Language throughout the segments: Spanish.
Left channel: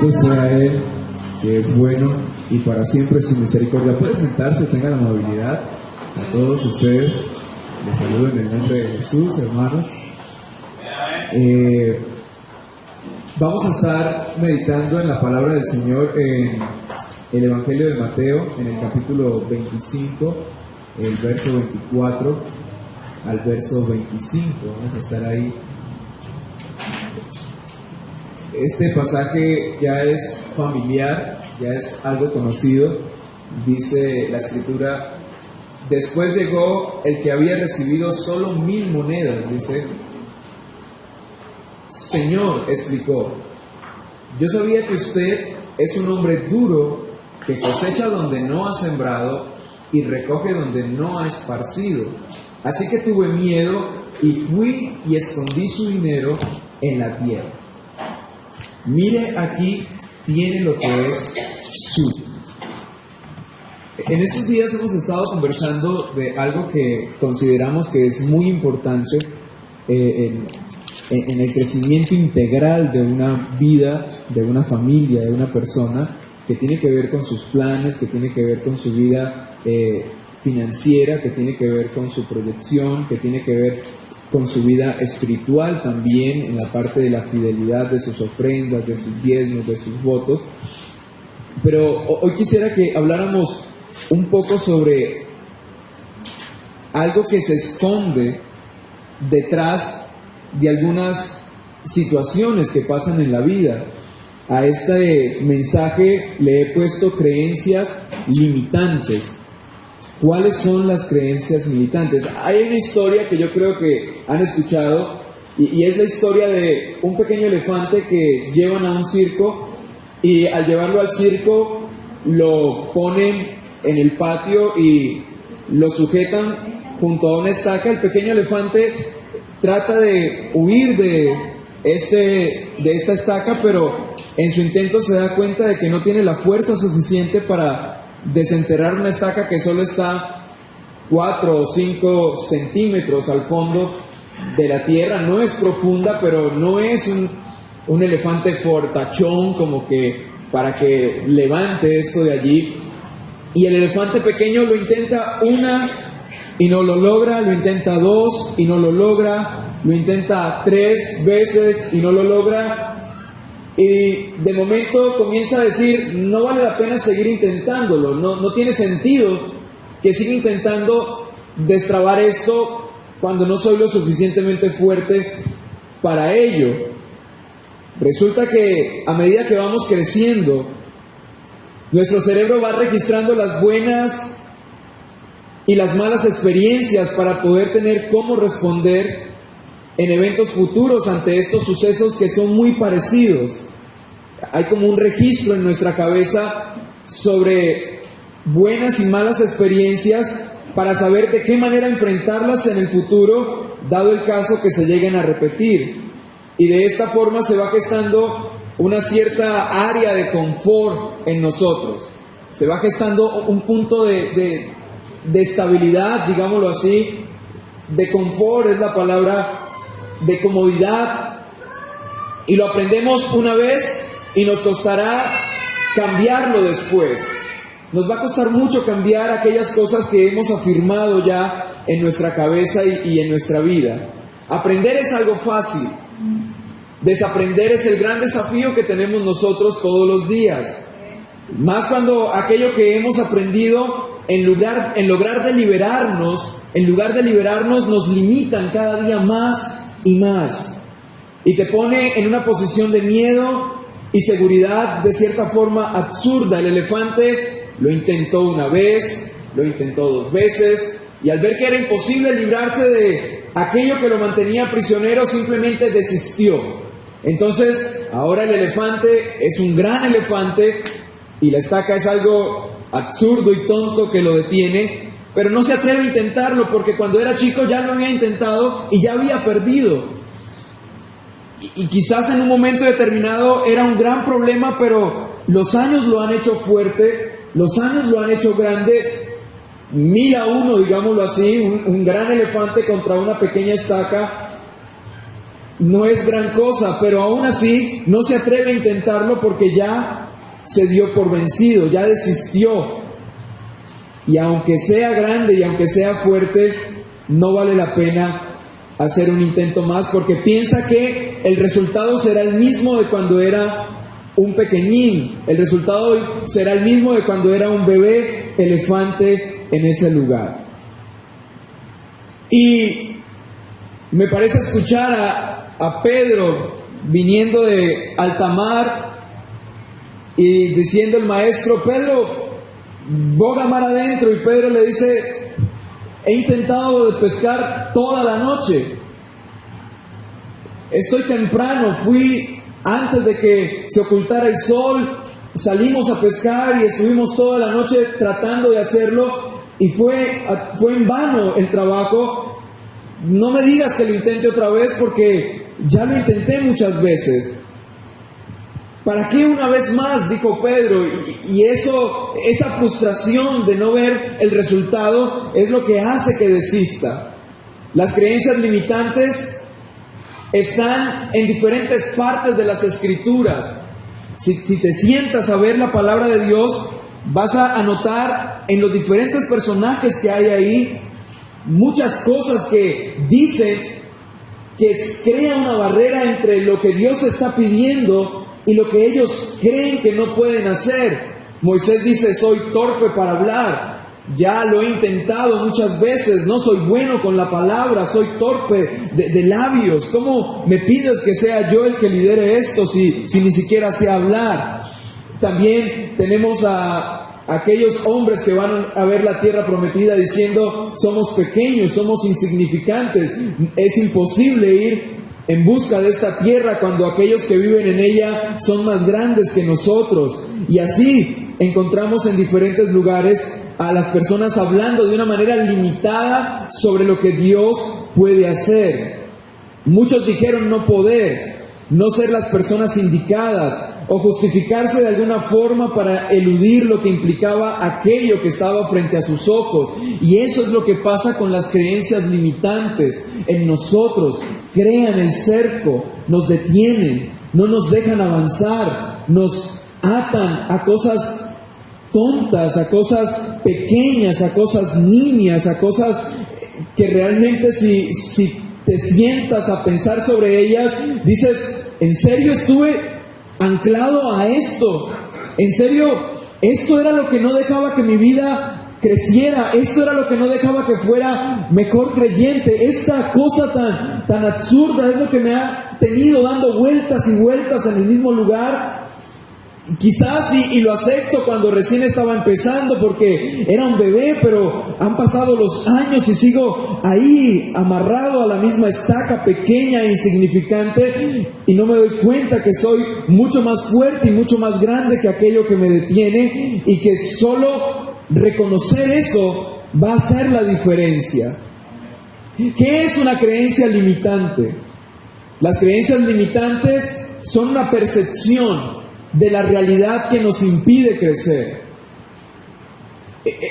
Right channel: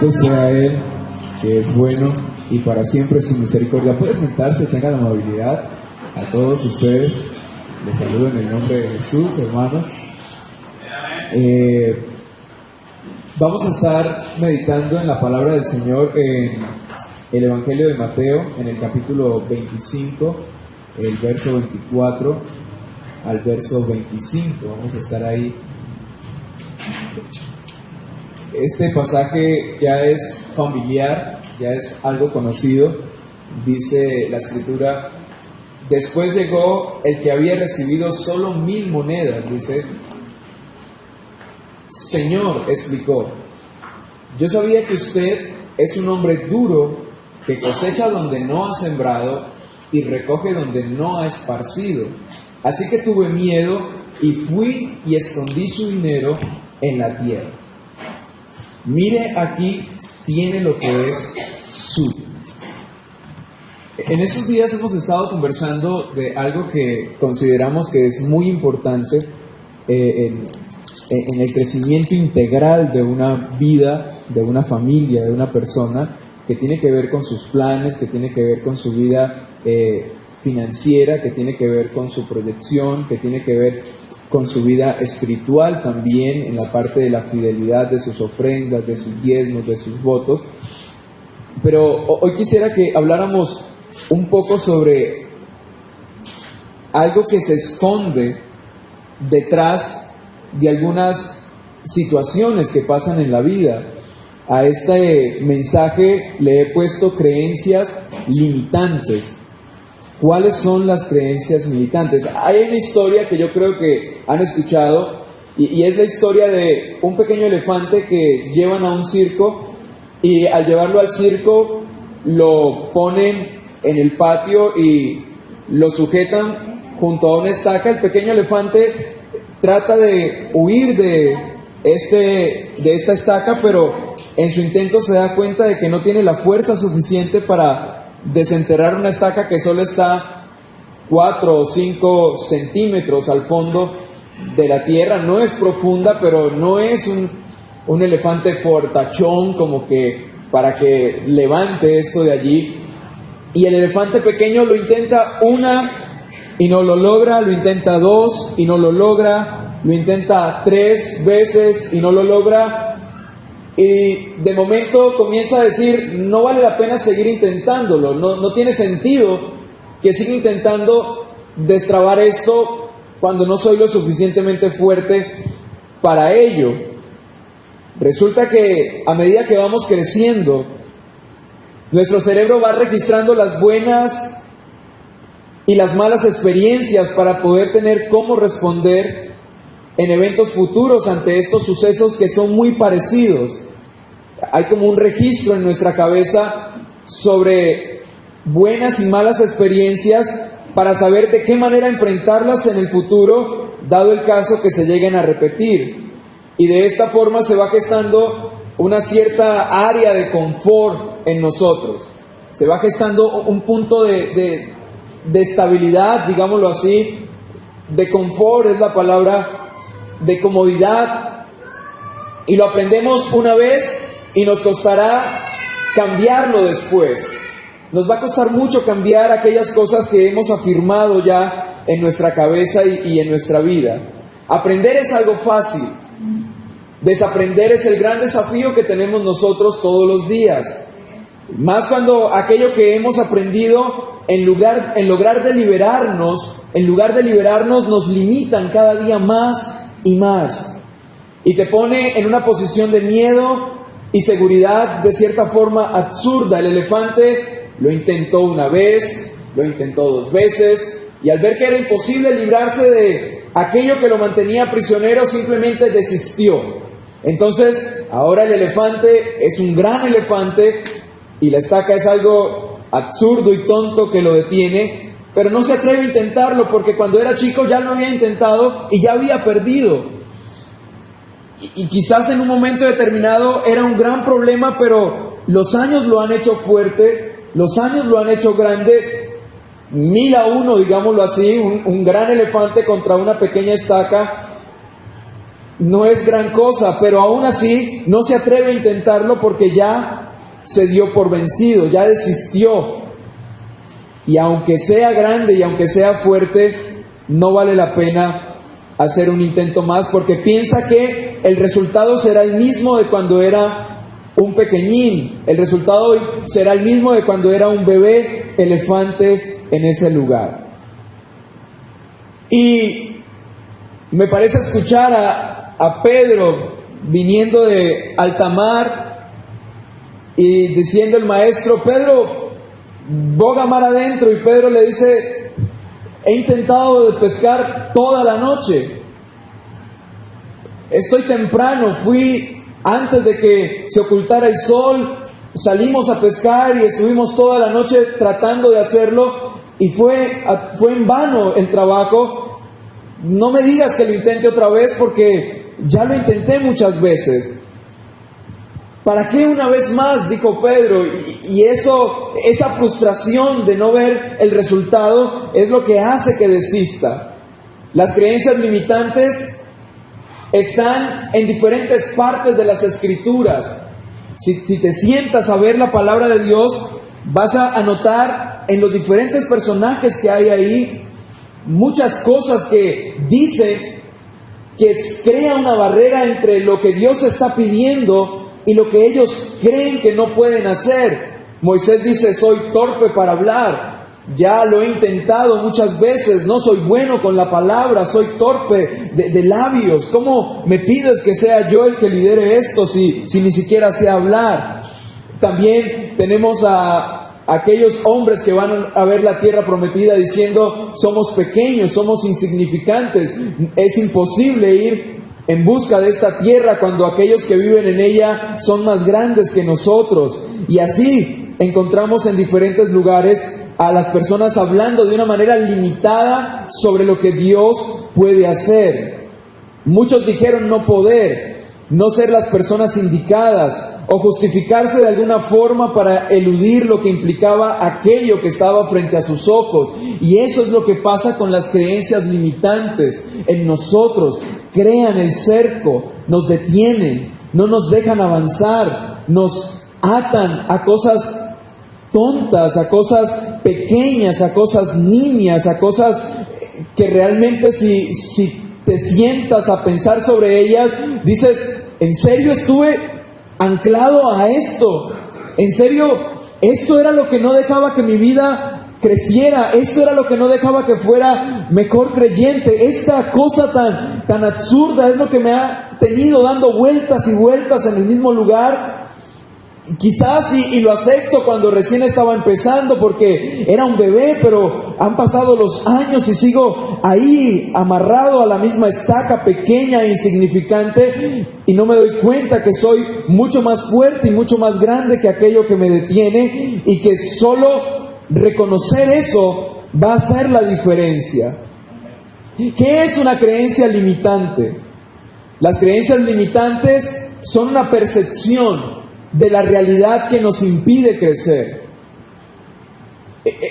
Bendito sea Él, que es bueno y para siempre su misericordia. Puede sentarse, tengan la amabilidad. A todos ustedes les saludo en el nombre de Jesús, hermanos. Vamos a estar meditando en la palabra del Señor en el Evangelio de Mateo, en el capítulo 25, el verso 24 al verso 25. Vamos a estar ahí. Este pasaje ya es familiar, ya es algo conocido. Dice la Escritura: después llegó el que había recibido solo 1000 monedas. Dice: Señor, explicó, yo sabía que usted es un hombre duro, que cosecha donde no ha sembrado y recoge donde no ha esparcido. Así que tuve miedo y fui y escondí su dinero en la tierra. Mire, aquí tiene lo que es suyo. En estos días hemos estado conversando de algo que consideramos que es muy importante en el crecimiento integral de una vida, de una familia, de una persona, que tiene que ver con sus planes, que tiene que ver con su vida financiera, que tiene que ver con su proyección, que tiene que ver con su vida espiritual también, en la parte de la fidelidad de sus ofrendas, de sus diezmos, de sus votos. Pero hoy quisiera que habláramos un poco sobre algo que se esconde detrás de algunas situaciones que pasan en la vida. A este mensaje le he puesto creencias limitantes. ¿Cuáles son las creencias limitantes? Hay una historia que yo creo que han escuchado y es la historia de un pequeño elefante que llevan a un circo, y al llevarlo al circo lo ponen en el patio y lo sujetan junto a una estaca. El pequeño elefante trata de huir de esta estaca, pero en su intento se da cuenta de que no tiene la fuerza suficiente para desenterrar una estaca que solo está 4 o 5 centímetros al fondo de la tierra. No es profunda, pero no es un elefante fortachón como que para que levante esto de allí. Y el elefante pequeño lo intenta una y no lo logra, lo intenta 2 y no lo logra, lo intenta 3 veces y no lo logra. Y de momento comienza a decir: no vale la pena seguir intentándolo, no tiene sentido que siga intentando destrabar esto cuando no soy lo suficientemente fuerte para ello. Resulta que a medida que vamos creciendo, nuestro cerebro va registrando las buenas y las malas experiencias para poder tener cómo responder en eventos futuros ante estos sucesos que son muy parecidos. Hay como un registro en nuestra cabeza sobre buenas y malas experiencias para saber de qué manera enfrentarlas en el futuro, dado el caso que se lleguen a repetir. Y de esta forma se va gestando una cierta área de confort en nosotros. Se va gestando un punto de estabilidad, digámoslo así, de confort es la palabra, de comodidad. Y lo aprendemos una vez y nos costará cambiarlo después. Nos va a costar mucho cambiar aquellas cosas que hemos afirmado ya en nuestra cabeza y en nuestra vida. Aprender es algo fácil. Desaprender es el gran desafío que tenemos nosotros todos los días. Más cuando aquello que hemos aprendido, en lugar de liberarnos, nos limitan cada día más y más. Y te pone en una posición de miedo y seguridad de cierta forma absurda. El elefante lo intentó una vez, lo intentó 2 veces, y al ver que era imposible librarse de aquello que lo mantenía prisionero, simplemente desistió. Entonces, ahora el elefante es un gran elefante y la estaca es algo absurdo y tonto que lo detiene, pero no se atreve a intentarlo porque cuando era chico ya lo había intentado y ya había perdido. Y quizás en un momento determinado era un gran problema, pero los años lo han hecho fuerte, los años lo han hecho grande. 1000-1, digámoslo así, un gran elefante contra una pequeña estaca. no es gran cosa, pero aún así no se atreve a intentarlo porque ya se dio por vencido, ya desistió. Y aunque sea grande y aunque sea fuerte, no vale la pena hacer un intento más porque piensa que el resultado será el mismo de cuando era un pequeñín. El resultado será el mismo de cuando era un bebé elefante en ese lugar. Y me parece escuchar a Pedro viniendo de alta mar y diciendo el maestro: Pedro, boga mar adentro. Y Pedro le dice: he intentado de pescar toda la noche, estoy temprano, fui antes de que se ocultara el sol, salimos a pescar y estuvimos toda la noche tratando de hacerlo y fue en vano el trabajo. No me digas que lo intente otra vez porque ya lo intenté muchas veces. ¿Para qué una vez más?, dijo Pedro, y esa frustración de no ver el resultado es lo que hace que desista. Las creencias limitantes están en diferentes partes de las Escrituras. Si te sientas a ver la palabra de Dios, vas a notar en los diferentes personajes que hay ahí muchas cosas que dicen que crea una barrera entre lo que Dios está pidiendo y lo que ellos creen que no pueden hacer. Moisés dice: soy torpe para hablar, ya lo he intentado muchas veces, no soy bueno con la palabra, soy torpe de labios. ¿Cómo me pides que sea yo el que lidere esto si ni siquiera sé hablar? También tenemos a aquellos hombres que van a ver la tierra prometida diciendo: somos pequeños, somos insignificantes, es imposible ir en busca de esta tierra cuando aquellos que viven en ella son más grandes que nosotros. Y así encontramos en diferentes lugares a las personas hablando de una manera limitada sobre lo que Dios puede hacer. Muchos dijeron no poder, no ser las personas indicadas o justificarse de alguna forma para eludir lo que implicaba aquello que estaba frente a sus ojos. Y eso es lo que pasa con las creencias limitantes en nosotros. Crean el cerco, nos detienen, no nos dejan avanzar, nos atan a cosas tontas, a cosas pequeñas, a cosas nimias, a cosas que realmente si te sientas a pensar sobre ellas, dices: ¿en serio estuve anclado a esto? ¿En serio esto era lo que no dejaba que mi vida creciera? ¿Esto era lo que no dejaba que fuera mejor creyente? Esta cosa tan absurda es lo que me ha tenido dando vueltas y vueltas en el mismo lugar. Quizás y lo acepto cuando recién estaba empezando porque era un bebé, pero han pasado los años y sigo ahí amarrado a la misma estaca pequeña e insignificante y no me doy cuenta que soy mucho más fuerte y mucho más grande que aquello que me detiene, y que solo reconocer eso va a hacer la diferencia. ¿Qué es una creencia limitante? Las creencias limitantes son una percepción de la realidad que nos impide crecer.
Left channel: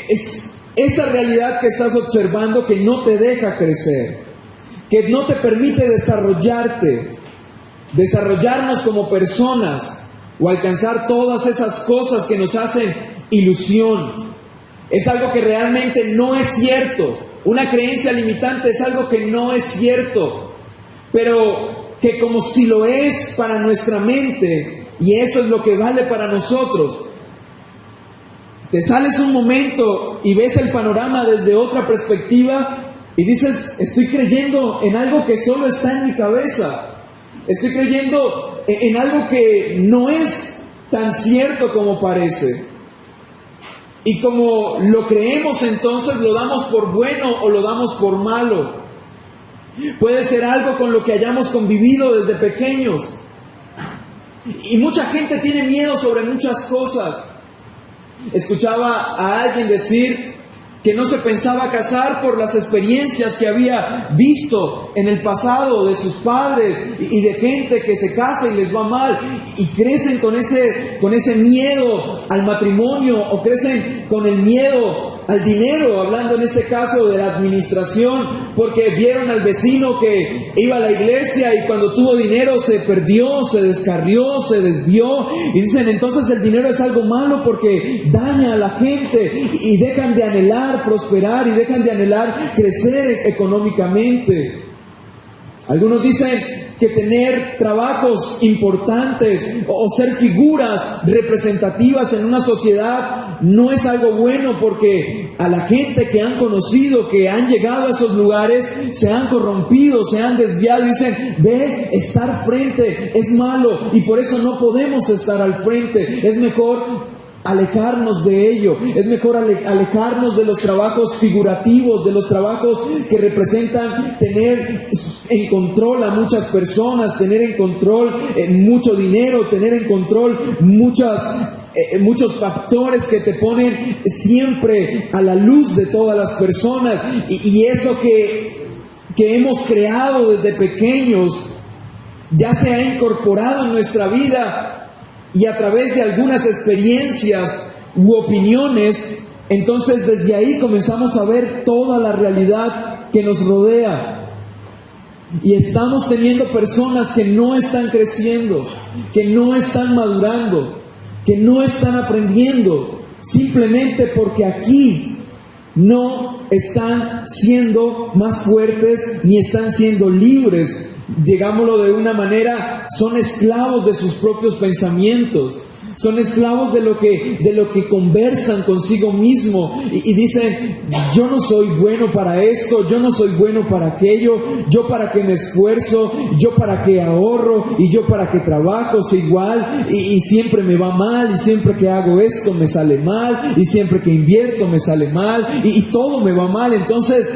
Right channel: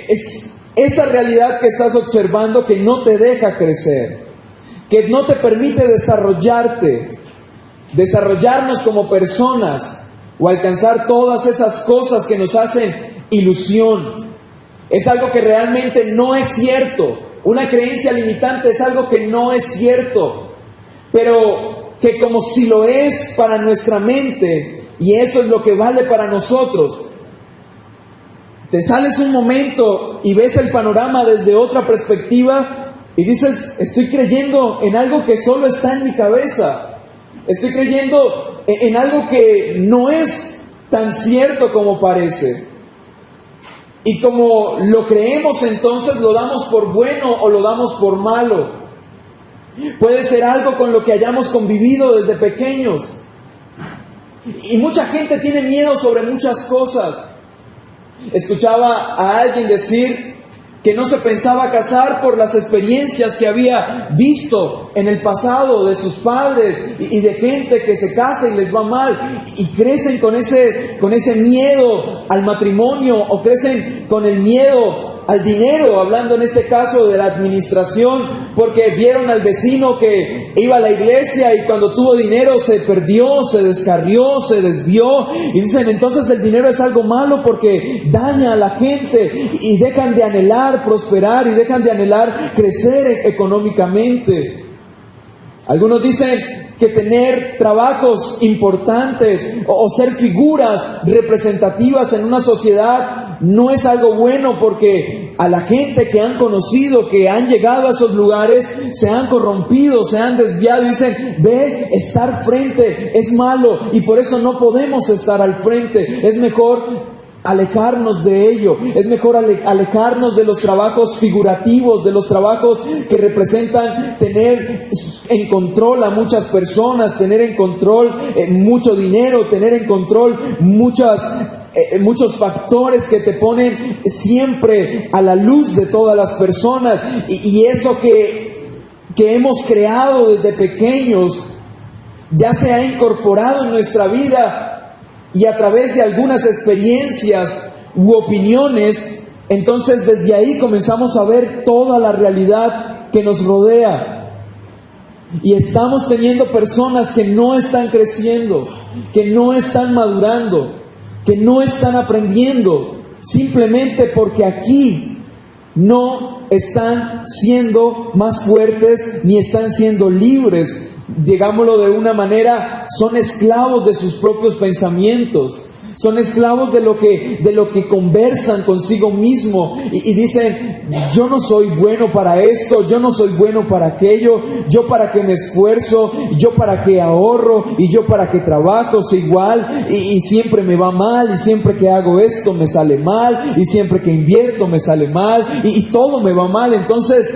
Es esa realidad que estás observando que no te deja crecer, que no te permite desarrollarnos como personas o alcanzar todas esas cosas que nos hacen ilusión. Es algo que realmente no es cierto. Una creencia limitante es algo que no es cierto, pero que como si lo es para nuestra mente, y eso es lo que vale para nosotros. Te sales un momento y ves el panorama desde otra perspectiva y dices: estoy creyendo en algo que solo está en mi cabeza. Estoy creyendo en algo que no es tan cierto como parece. Y como lo creemos, entonces lo damos por bueno o lo damos por malo. Puede ser algo con lo que hayamos convivido desde pequeños. Y mucha gente tiene miedo sobre muchas cosas. Escuchaba a alguien decir que no se pensaba casar por las experiencias que había visto en el pasado de sus padres y de gente que se casa y les va mal y crecen con ese miedo al matrimonio, o crecen con el miedo al dinero, hablando en este caso de la administración, porque vieron al vecino que iba a la iglesia y cuando tuvo dinero se perdió, se descarrió, se desvió, y dicen entonces el dinero es algo malo porque daña a la gente y dejan de anhelar prosperar y dejan de anhelar crecer económicamente. Algunos dicen que tener trabajos importantes o ser figuras representativas en una sociedad no es algo bueno, porque a la gente que han conocido, que han llegado a esos lugares, se han corrompido, se han desviado y dicen, ve, estar frente es malo y por eso no podemos estar al frente. Es mejor alejarnos de ello, es mejor alejarnos de los trabajos figurativos, de los trabajos que representan tener en control a muchas personas, tener en control mucho dinero, tener en control muchos factores que te ponen siempre a la luz de todas las personas, y eso que hemos creado desde pequeños ya se ha incorporado en nuestra vida. Y a través de algunas experiencias u opiniones, entonces desde ahí comenzamos a ver toda la realidad que nos rodea. Y estamos teniendo personas que no están creciendo, que no están madurando, que no están aprendiendo, simplemente porque aquí no están siendo más fuertes ni están siendo libres. Digámoslo de una manera, son esclavos de sus propios pensamientos, son esclavos de lo que conversan consigo mismo y dicen, yo no soy bueno para esto, yo no soy bueno para aquello, yo para qué me esfuerzo, yo para qué ahorro y yo para qué trabajo, soy igual y siempre me va mal, y siempre que hago esto me sale mal, y siempre que invierto me sale mal y todo me va mal, entonces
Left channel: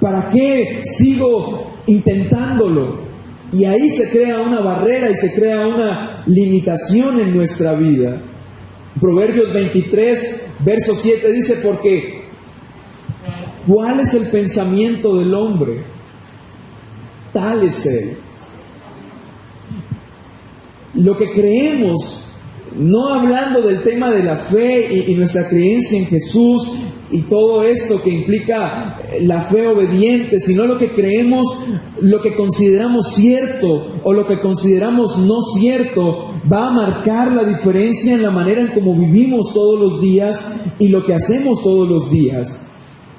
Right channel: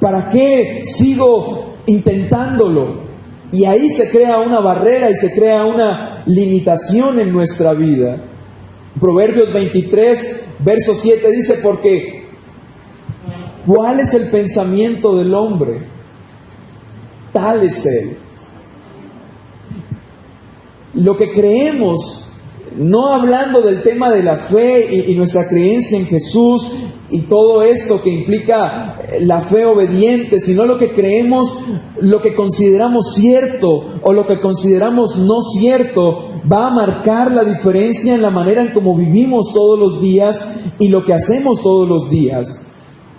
¿para qué sigo intentándolo? Y ahí se crea una barrera y se crea una limitación en nuestra vida. Proverbios 23, verso 7 dice, porque ¿cuál es el pensamiento del hombre? Tal es él. Lo que creemos, no hablando del tema de la fe y nuestra creencia en Jesús y todo esto que implica la fe obediente, sino lo que creemos, lo que consideramos cierto o lo que consideramos no cierto, va a marcar la diferencia en la manera en cómo vivimos todos los días y lo que hacemos todos los días.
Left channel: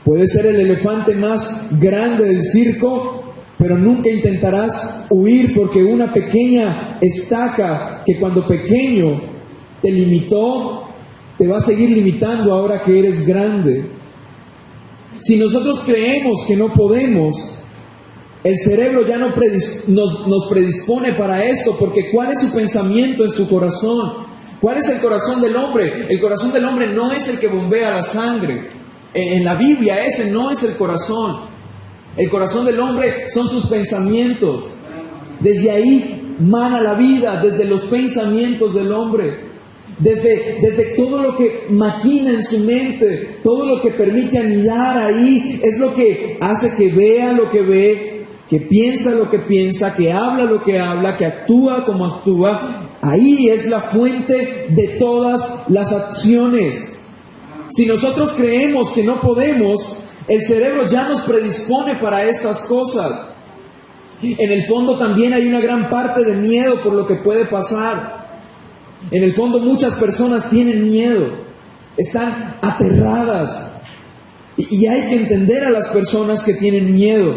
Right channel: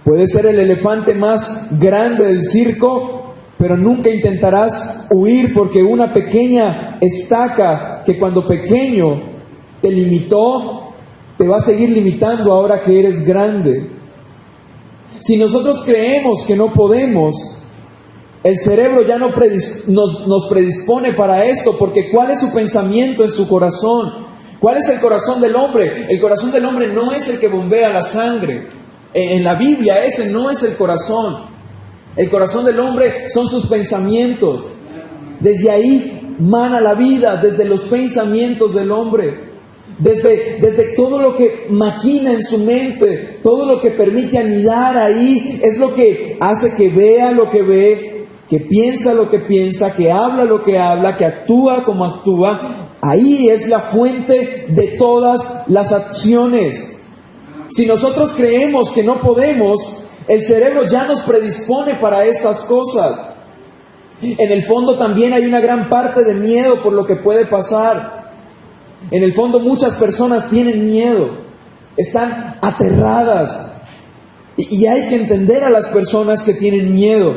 Puede ser el elefante más grande del circo, pero nunca intentarás huir porque una pequeña estaca que cuando pequeño te limitó, te va a seguir limitando ahora que eres grande. Si nosotros creemos que no podemos, el cerebro ya no nos predispone para esto, porque ¿cuál es su pensamiento en su corazón? ¿Cuál es el corazón del hombre? El corazón del hombre no es el que bombea la sangre. En la Biblia ese no es el corazón. El corazón del hombre son sus pensamientos. Desde ahí mana la vida, desde los pensamientos del hombre. Desde todo lo que maquina en su mente, todo lo que permite anidar ahí, es lo que hace que vea lo que ve, que piensa lo que piensa, que habla lo que habla, que actúa como actúa. Ahí es la fuente de todas las acciones. Si nosotros creemos que no podemos, el cerebro ya nos predispone para estas cosas. En el fondo también hay una gran parte de miedo por lo que puede pasar. En el fondo muchas personas tienen miedo, están aterradas. Y hay que entender a las personas que tienen miedo,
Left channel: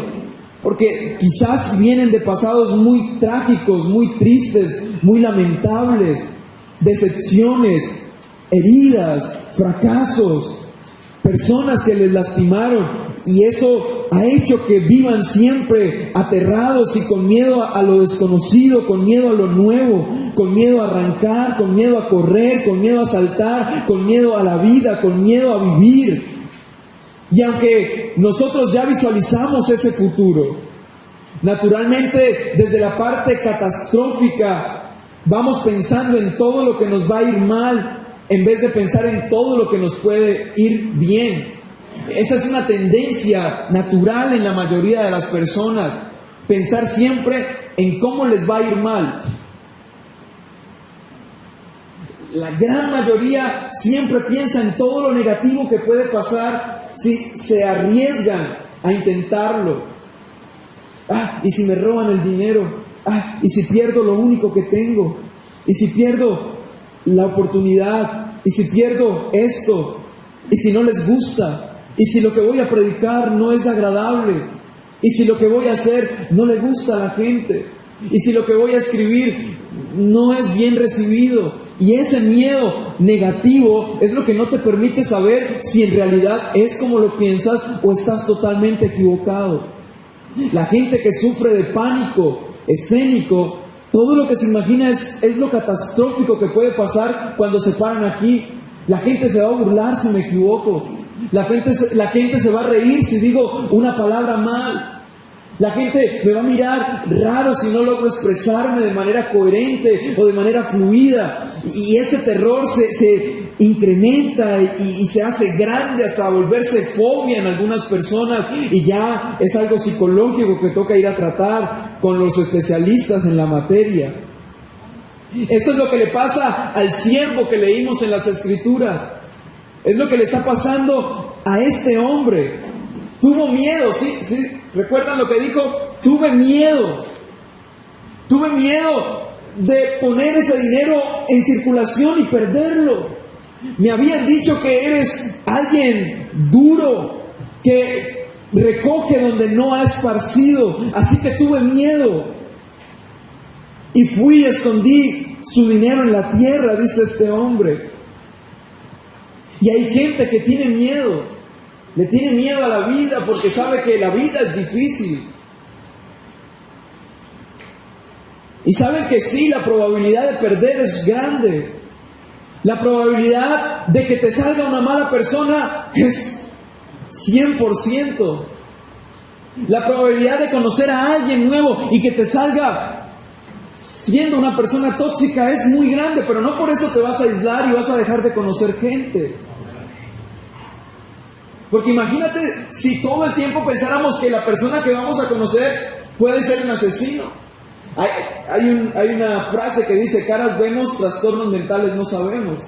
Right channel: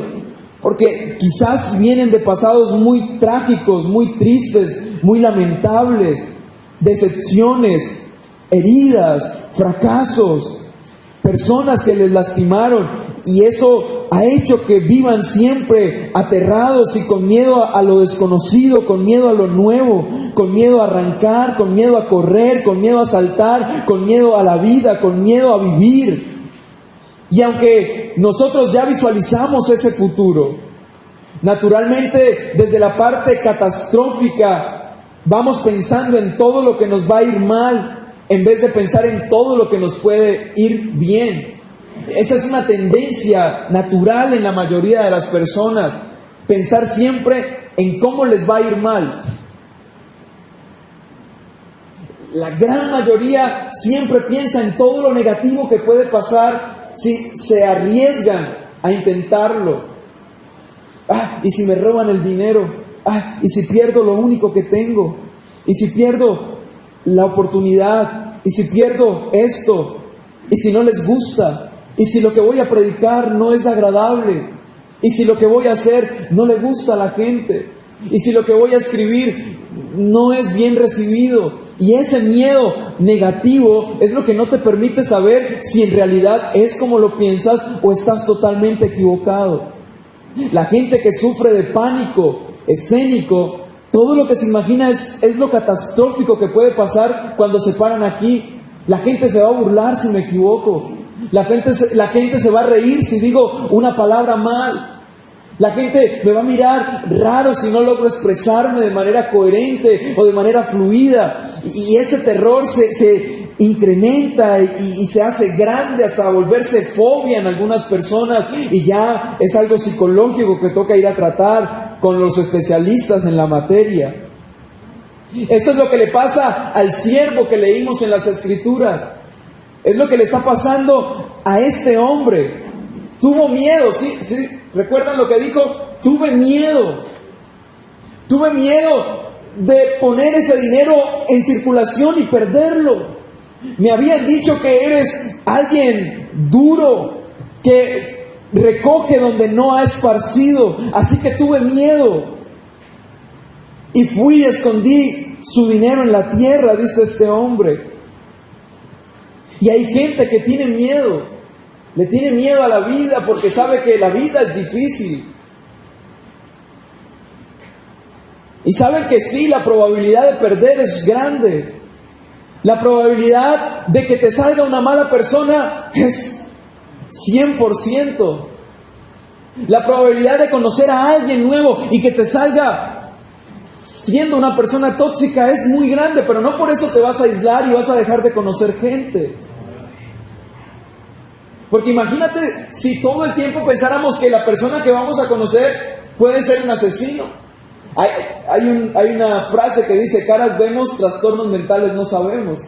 porque quizás vienen de pasados muy trágicos, muy tristes, muy lamentables, decepciones, heridas, fracasos, personas que les lastimaron, y eso ha hecho que vivan siempre aterrados y con miedo a lo desconocido, con miedo a lo nuevo, con miedo a arrancar, con miedo a correr, con miedo a saltar, con miedo a la vida, con miedo a vivir. Y aunque nosotros ya visualizamos ese futuro, naturalmente desde la parte catastrófica vamos pensando en todo lo que nos va a ir mal, en vez de pensar en todo lo que nos puede ir bien. Esa es una tendencia natural en la mayoría de las personas, pensar siempre en cómo les va a ir mal. la gran mayoría siempre piensa en todo lo negativo que puede pasar si se arriesgan a intentarlo. ¿Y si me roban el dinero? ¿Y si pierdo lo único que tengo? ¿Y si pierdo la oportunidad? ¿Y si pierdo esto? ¿Y si no les gusta? ¿Y si lo que voy a predicar no es agradable? ¿Y si lo que voy a hacer no le gusta a la gente? ¿Y si lo que voy a escribir no es bien recibido? Y ese miedo negativo es lo que no te permite saber si en realidad es como lo piensas o estás totalmente equivocado. La gente que sufre de pánico escénico, todo lo que se imagina es lo catastrófico que puede pasar cuando se paran aquí. La gente se va a burlar si me equivoco. La gente se va a reír si digo una palabra mal. La gente me va a mirar raro si no logro expresarme de manera coherente o de manera fluida. Y ese terror se incrementa y se hace grande hasta volverse fobia en algunas personas. Y ya es algo psicológico que toca ir a tratar con los especialistas en la materia. Eso es lo que le pasa al siervo que leímos en las Escrituras. Es lo que le está pasando a este hombre. Tuvo miedo, ¿sí? ¿Recuerdan lo que dijo? Tuve miedo. Tuve miedo de poner ese dinero en circulación y perderlo. Me habían dicho que eres alguien duro, que recoge donde no ha esparcido. Así que tuve miedo. Y fui y escondí su dinero en la tierra, dice este hombre. Y hay gente que tiene miedo. Le tiene miedo a la vida porque sabe que la vida es difícil. Y saben que sí, la probabilidad de perder es grande. La probabilidad de que te salga una mala persona es 100%. La probabilidad de conocer a alguien nuevo y que te salga siendo una persona tóxica es muy grande, pero no por eso te vas a aislar y vas a dejar de conocer gente. Porque imagínate si todo el tiempo pensáramos que la persona que vamos a conocer puede ser un asesino. Hay una frase que dice: caras vemos, trastornos mentales no sabemos.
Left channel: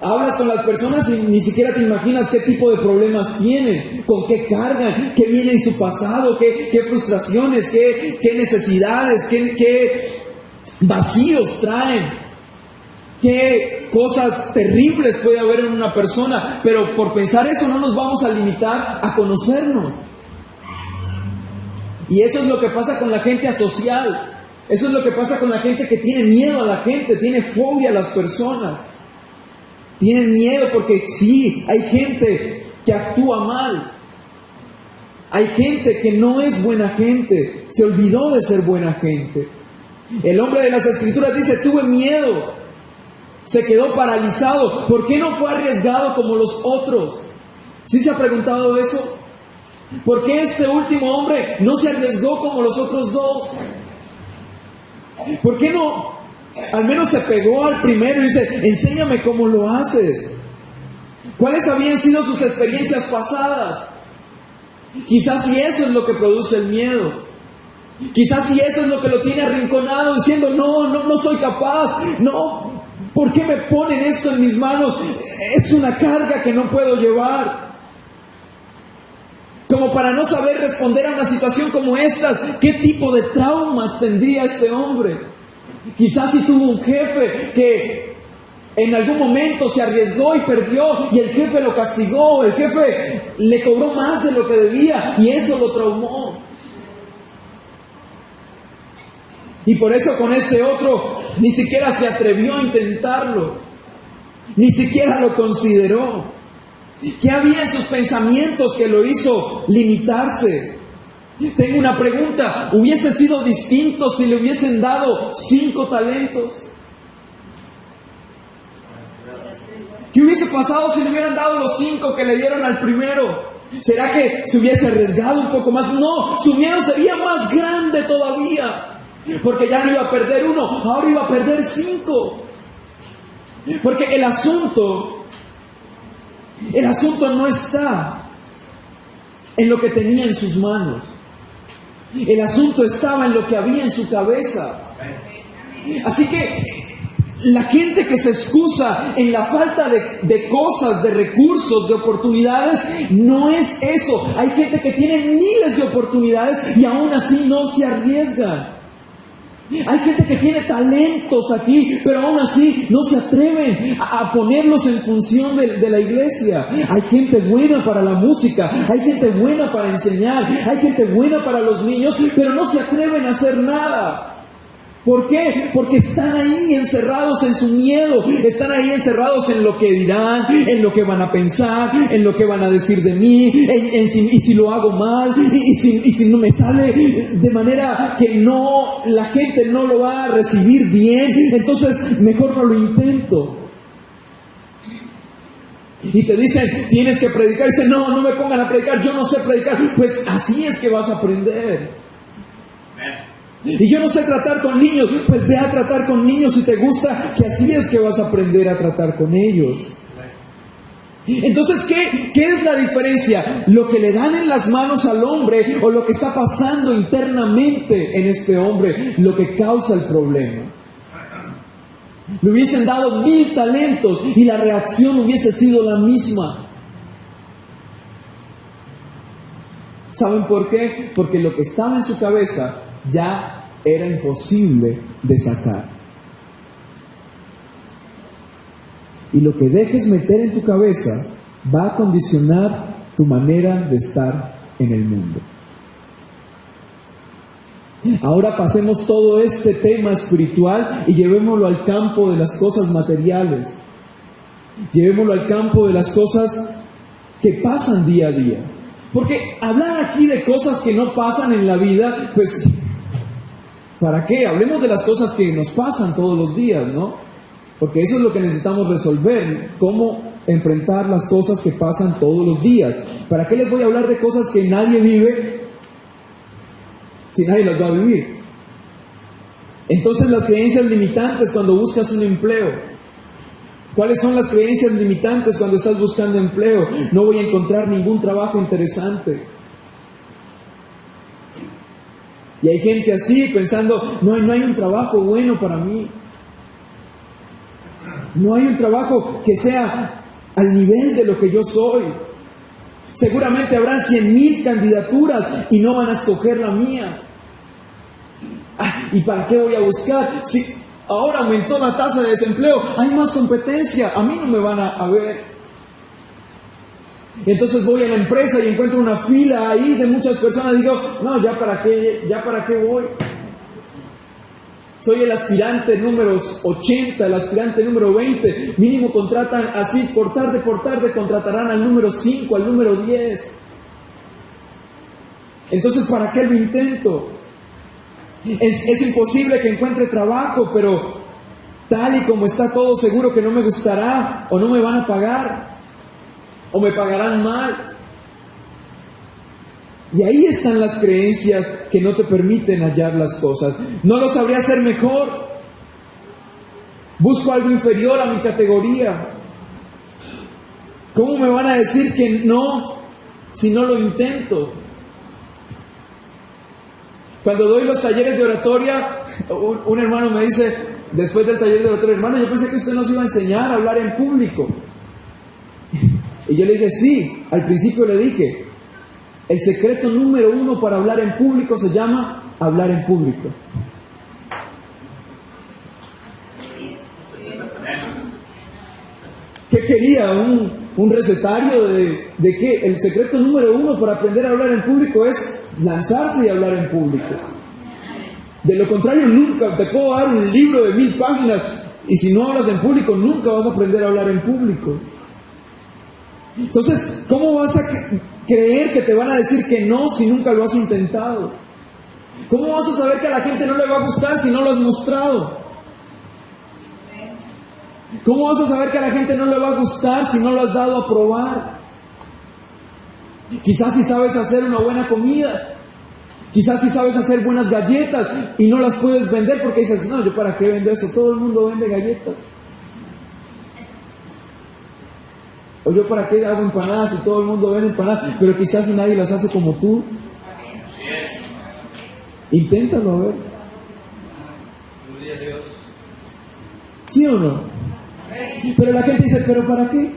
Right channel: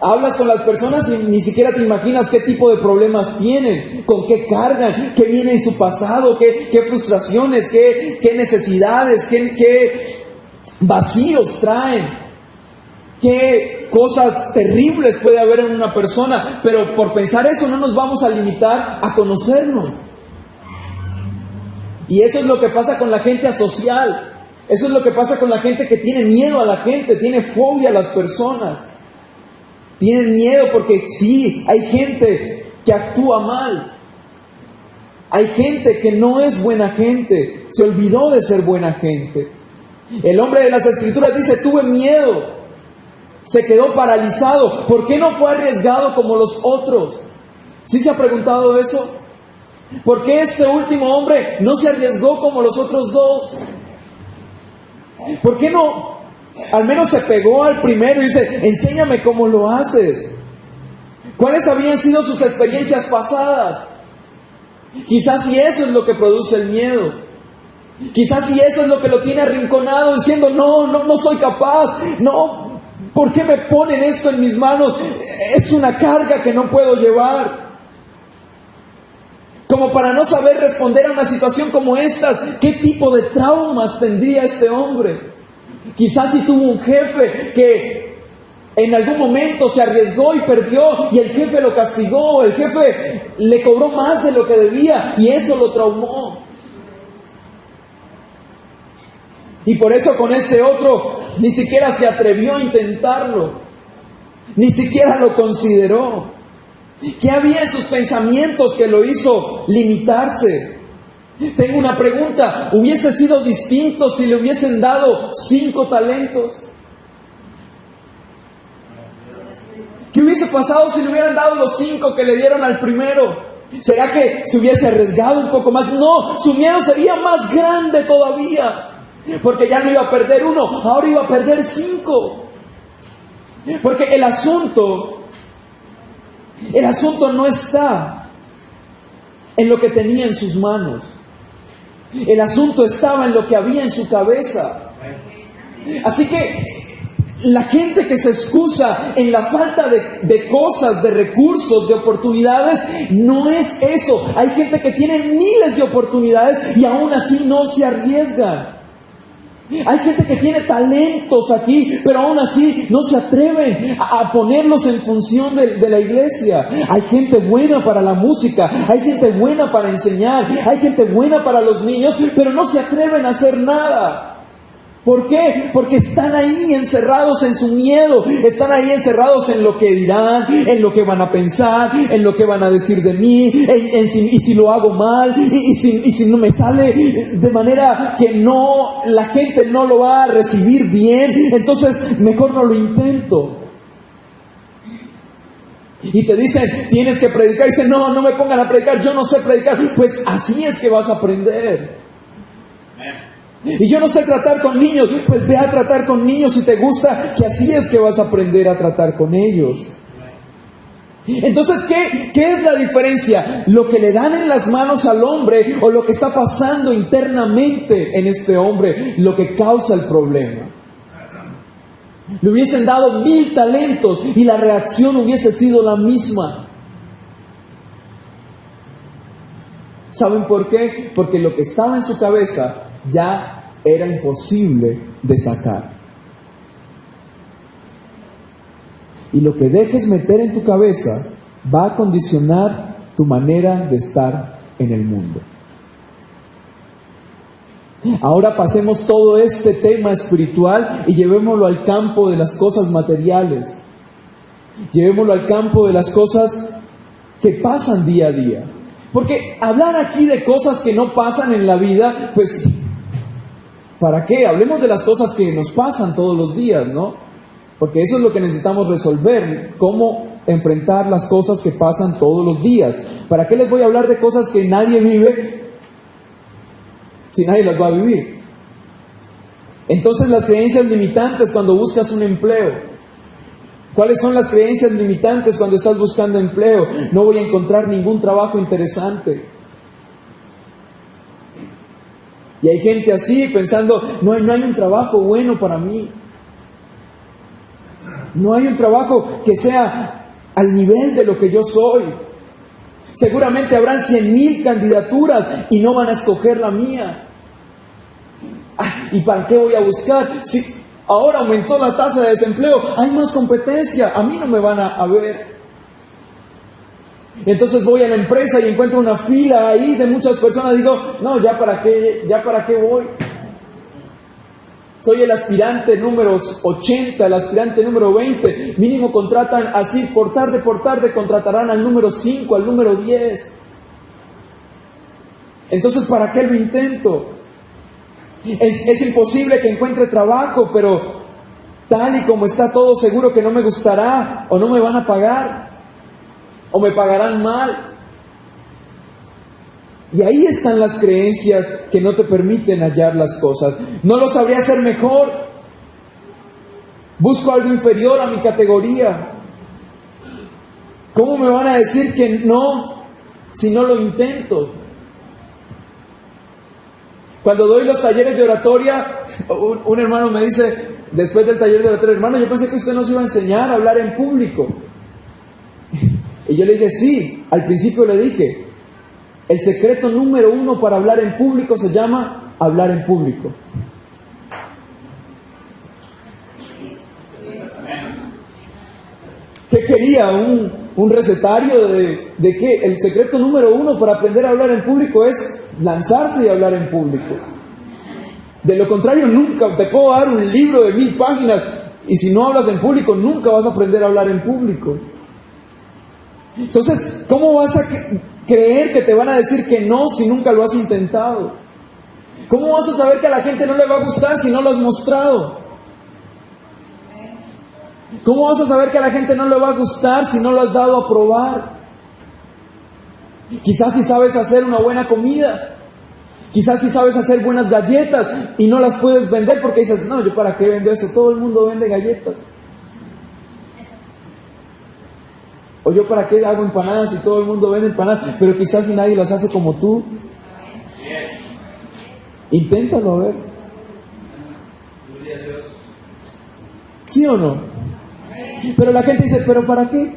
Hablas con las personas y ni siquiera te imaginas qué tipo de problemas tienen, con qué cargan, qué viene en su pasado, qué frustraciones, qué necesidades, qué vacíos traen, qué cosas terribles puede haber en una persona. Pero por pensar eso no nos vamos a limitar a conocernos. Y eso es lo que pasa con la gente asocial. Eso es lo que pasa con la gente que tiene miedo a la gente, tiene fobia a las personas. Tienen miedo porque sí, hay gente que actúa mal. Hay gente que no es buena gente, se olvidó de ser buena gente. El hombre de las Escrituras dice: tuve miedo, se quedó paralizado. ¿Por qué no fue arriesgado como los otros? ¿Sí se ha preguntado eso? ¿Por qué este último hombre no se arriesgó como los otros dos? ¿Por qué no? Al menos se pegó al primero y dice: enséñame cómo lo haces. ¿Cuáles habían sido sus experiencias pasadas? Quizás si eso es lo que produce el miedo. Quizás si eso es lo que lo tiene arrinconado, diciendo: no soy capaz. No, ¿por qué me ponen esto en mis manos? Es una carga que no puedo llevar. Como para no saber responder a una situación como estas. ¿Qué tipo de traumas tendría este hombre? Quizás si tuvo un jefe que en algún momento se arriesgó y perdió, y el jefe lo castigó, el jefe le cobró más de lo que debía y eso lo traumó. Y por eso con ese otro ni siquiera se atrevió a intentarlo, ni siquiera lo consideró. ¿Qué había en sus pensamientos que lo hizo limitarse? Tengo una pregunta: ¿hubiese sido distinto si le hubiesen dado 5 talentos? ¿Qué hubiese pasado si le hubieran dado los 5 que le dieron al primero? ¿Será que se hubiese arriesgado un poco más? No, su miedo sería más grande todavía, porque ya no iba a perder 1, ahora iba a perder 5. Porque el asunto no está en lo que tenía en sus manos. El asunto estaba en lo que había en su cabeza. Así que La gente que se excusa en la falta de cosas, de recursos, de oportunidades, no es eso. Hay gente que tiene miles de oportunidades y aún así no se arriesgan. Hay gente que tiene talentos aquí, pero aún así no se atreven a ponerlos en función de la iglesia. Hay gente buena para la música, hay gente buena para enseñar, hay gente buena para los niños, pero no se atreven a hacer nada. ¿Por qué? Porque están ahí encerrados en su miedo, están ahí encerrados en lo que dirán, en lo que van a pensar, en lo que van a decir de mí, y si lo hago mal, y si no me sale de manera que la gente no lo va a recibir bien, entonces mejor no lo intento. Y te dicen, tienes que predicar, y dicen, no me pongan a predicar, yo no sé predicar. Pues así es que vas a aprender. Y yo no sé tratar con niños, pues ve a tratar con niños si te gusta, que así es que vas a aprender a tratar con ellos. Entonces, ¿qué es la diferencia? ¿Lo que le dan en las manos al hombre o lo que está pasando internamente en este hombre, lo que causa el problema? Le hubiesen dado 1000 talentos y la reacción hubiese sido la misma. ¿Saben por qué? Porque lo que estaba en su cabeza ya era imposible de sacar. Y lo que dejes meter en tu cabeza va a condicionar tu manera de estar en el mundo. Ahora pasemos todo este tema espiritual y llevémoslo al campo de las cosas materiales. Llevémoslo al campo de las cosas que pasan día a día. Porque hablar aquí de cosas que no pasan en la vida, pues, ¿para qué? Hablemos de las cosas que nos pasan todos los días, ¿no? Porque eso es lo que necesitamos resolver, cómo enfrentar las cosas que pasan todos los días. ¿Para qué les voy a hablar de cosas que nadie vive si nadie las va a vivir? Entonces, las creencias limitantes cuando buscas un empleo. ¿Cuáles son las creencias limitantes cuando estás buscando empleo? No voy a encontrar ningún trabajo interesante. Y hay gente así pensando, no hay un trabajo bueno para mí. No hay un trabajo que sea al nivel de lo que yo soy. Seguramente habrán 100,000 candidaturas y no van a escoger la mía. ¿Y para qué voy a buscar? Si ahora aumentó la tasa de desempleo, hay más competencia, a mí no me van a ver. Entonces voy a la empresa y encuentro una fila ahí de muchas personas. Digo, no, ya para qué voy. Soy el aspirante número 80, el aspirante número 20. Mínimo contratan así, por tarde contratarán al número 5, al número 10. Entonces, ¿para qué lo intento? Es imposible que encuentre trabajo, pero tal y como está todo, seguro que no me gustará, o no me van a pagar, o me pagarán mal. Y ahí están las creencias que no te permiten hallar las cosas. No lo sabría hacer mejor. Busco algo inferior a mi categoría. ¿Cómo me van a decir que no si no lo intento? Cuando doy los talleres de oratoria, un hermano me dice, después del taller de oratoria, hermano, yo pensé que usted nos iba a enseñar a hablar en público. Y yo le dije, sí, al principio le dije, el secreto número 1 para hablar en público se llama hablar en público. ¿Qué quería? ¿Un recetario de qué? El secreto número 1 para aprender a hablar en público es lanzarse y hablar en público. De lo contrario, nunca te puedo dar un libro de 1000 páginas y si no hablas en público, nunca vas a aprender a hablar en público. Entonces, ¿cómo vas a creer que te van a decir que no si nunca lo has intentado? ¿Cómo vas a saber que a la gente no le va a gustar si no lo has mostrado? ¿Cómo vas a saber que a la gente no le va a gustar si no lo has dado a probar? Quizás si sabes hacer una buena comida, quizás si sabes hacer buenas galletas y no las puedes vender porque dices, no, ¿yo para qué vendo eso? Todo el mundo vende galletas. O yo para qué hago empanadas si todo el mundo vende empanadas, pero quizás si nadie las hace como tú. Inténtalo a ver. ¿Sí ¿Sí o no? Pero la gente dice, ¿pero para qué?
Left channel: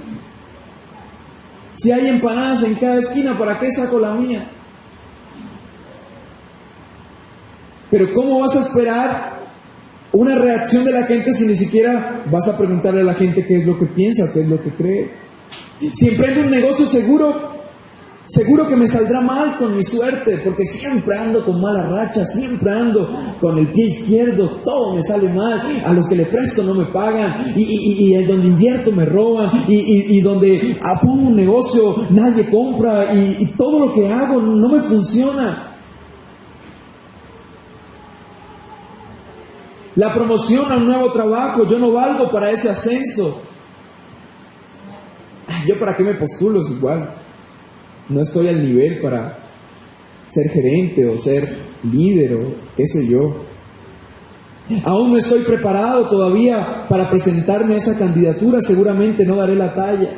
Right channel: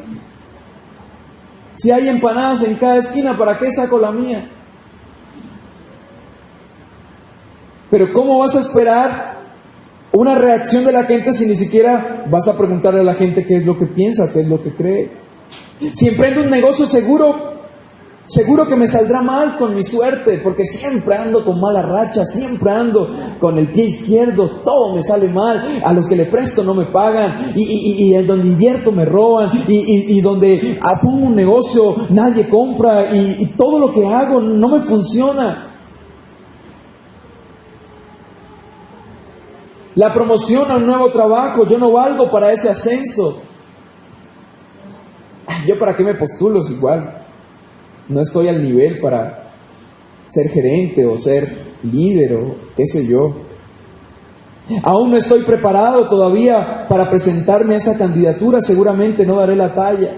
Si hay empanadas en cada esquina, ¿para qué saco la mía? Pero ¿cómo vas a esperar una reacción de la gente si ni siquiera vas a preguntarle a la gente qué es lo que piensa, qué es lo que cree? Si emprendo un negocio, seguro que me saldrá mal con mi suerte, porque siempre ando con mala racha, siempre ando con el pie izquierdo, todo me sale mal, a los que le presto no me pagan, y en donde invierto me roban, y donde pongo un negocio nadie compra, y todo lo que hago no me funciona. La promoción a un nuevo trabajo, yo no valgo para ese ascenso. ¿Yo para qué me postulo? Es igual. No estoy al nivel para ser gerente o ser líder o qué sé yo. Aún no estoy preparado todavía para presentarme a esa candidatura, seguramente no daré la talla.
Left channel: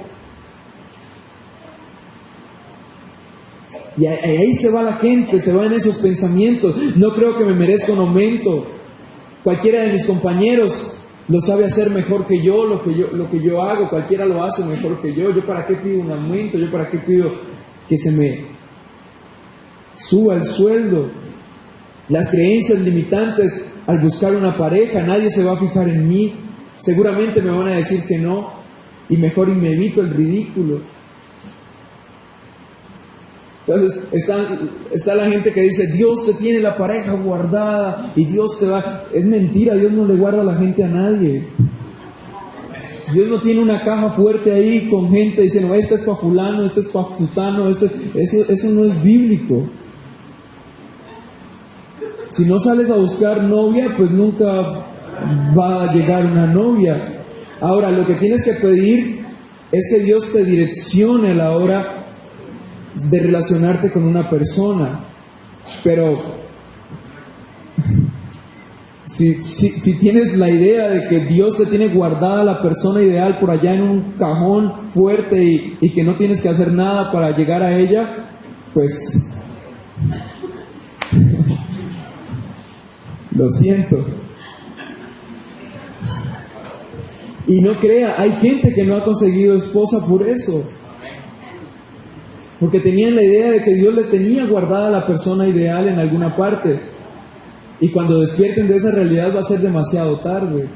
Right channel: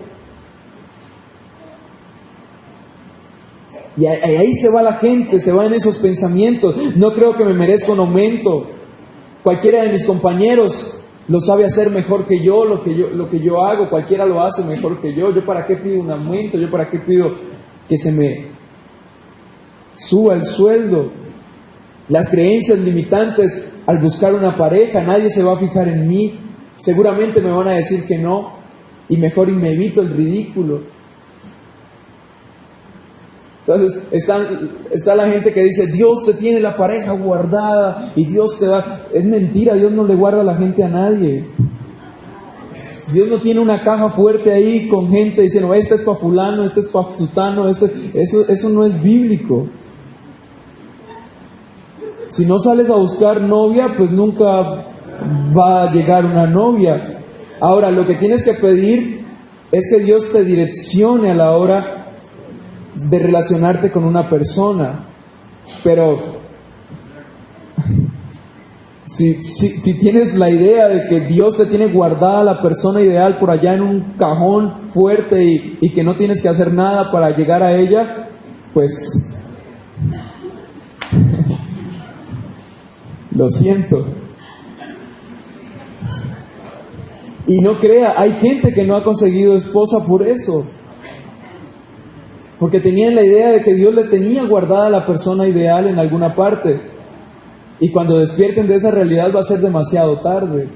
Y ahí se va la gente, se van esos pensamientos. No creo que me merezca un aumento. Cualquiera de mis compañeros lo sabe hacer mejor que yo, lo que yo hago, cualquiera lo hace mejor que yo. ¿Yo para qué pido un aumento? ¿Yo para qué pido que se me suba el sueldo? Las creencias limitantes al buscar una pareja, nadie se va a fijar en mí, seguramente me van a decir que no, y mejor y me evito el ridículo. Entonces está la gente que dice, Dios te tiene la pareja guardada y Dios te va... Es mentira, Dios no le guarda a la gente a nadie. Dios no tiene una caja fuerte ahí con gente diciendo, este es para fulano, este es para sutano, eso no es bíblico. Si no sales a buscar novia, pues nunca va a llegar una novia. Ahora, lo que tienes que pedir es que Dios te direccione a la hora de relacionarte con una persona. Pero si tienes la idea de que Dios te tiene guardada la persona ideal por allá en un cajón fuerte y que no tienes que hacer nada para llegar a ella, pues lo siento. Y no crea, hay gente que no ha conseguido esposa por eso. Porque tenían la idea de que Dios le tenía guardada a la persona ideal en alguna parte. Y cuando despierten de esa realidad va a ser demasiado tarde.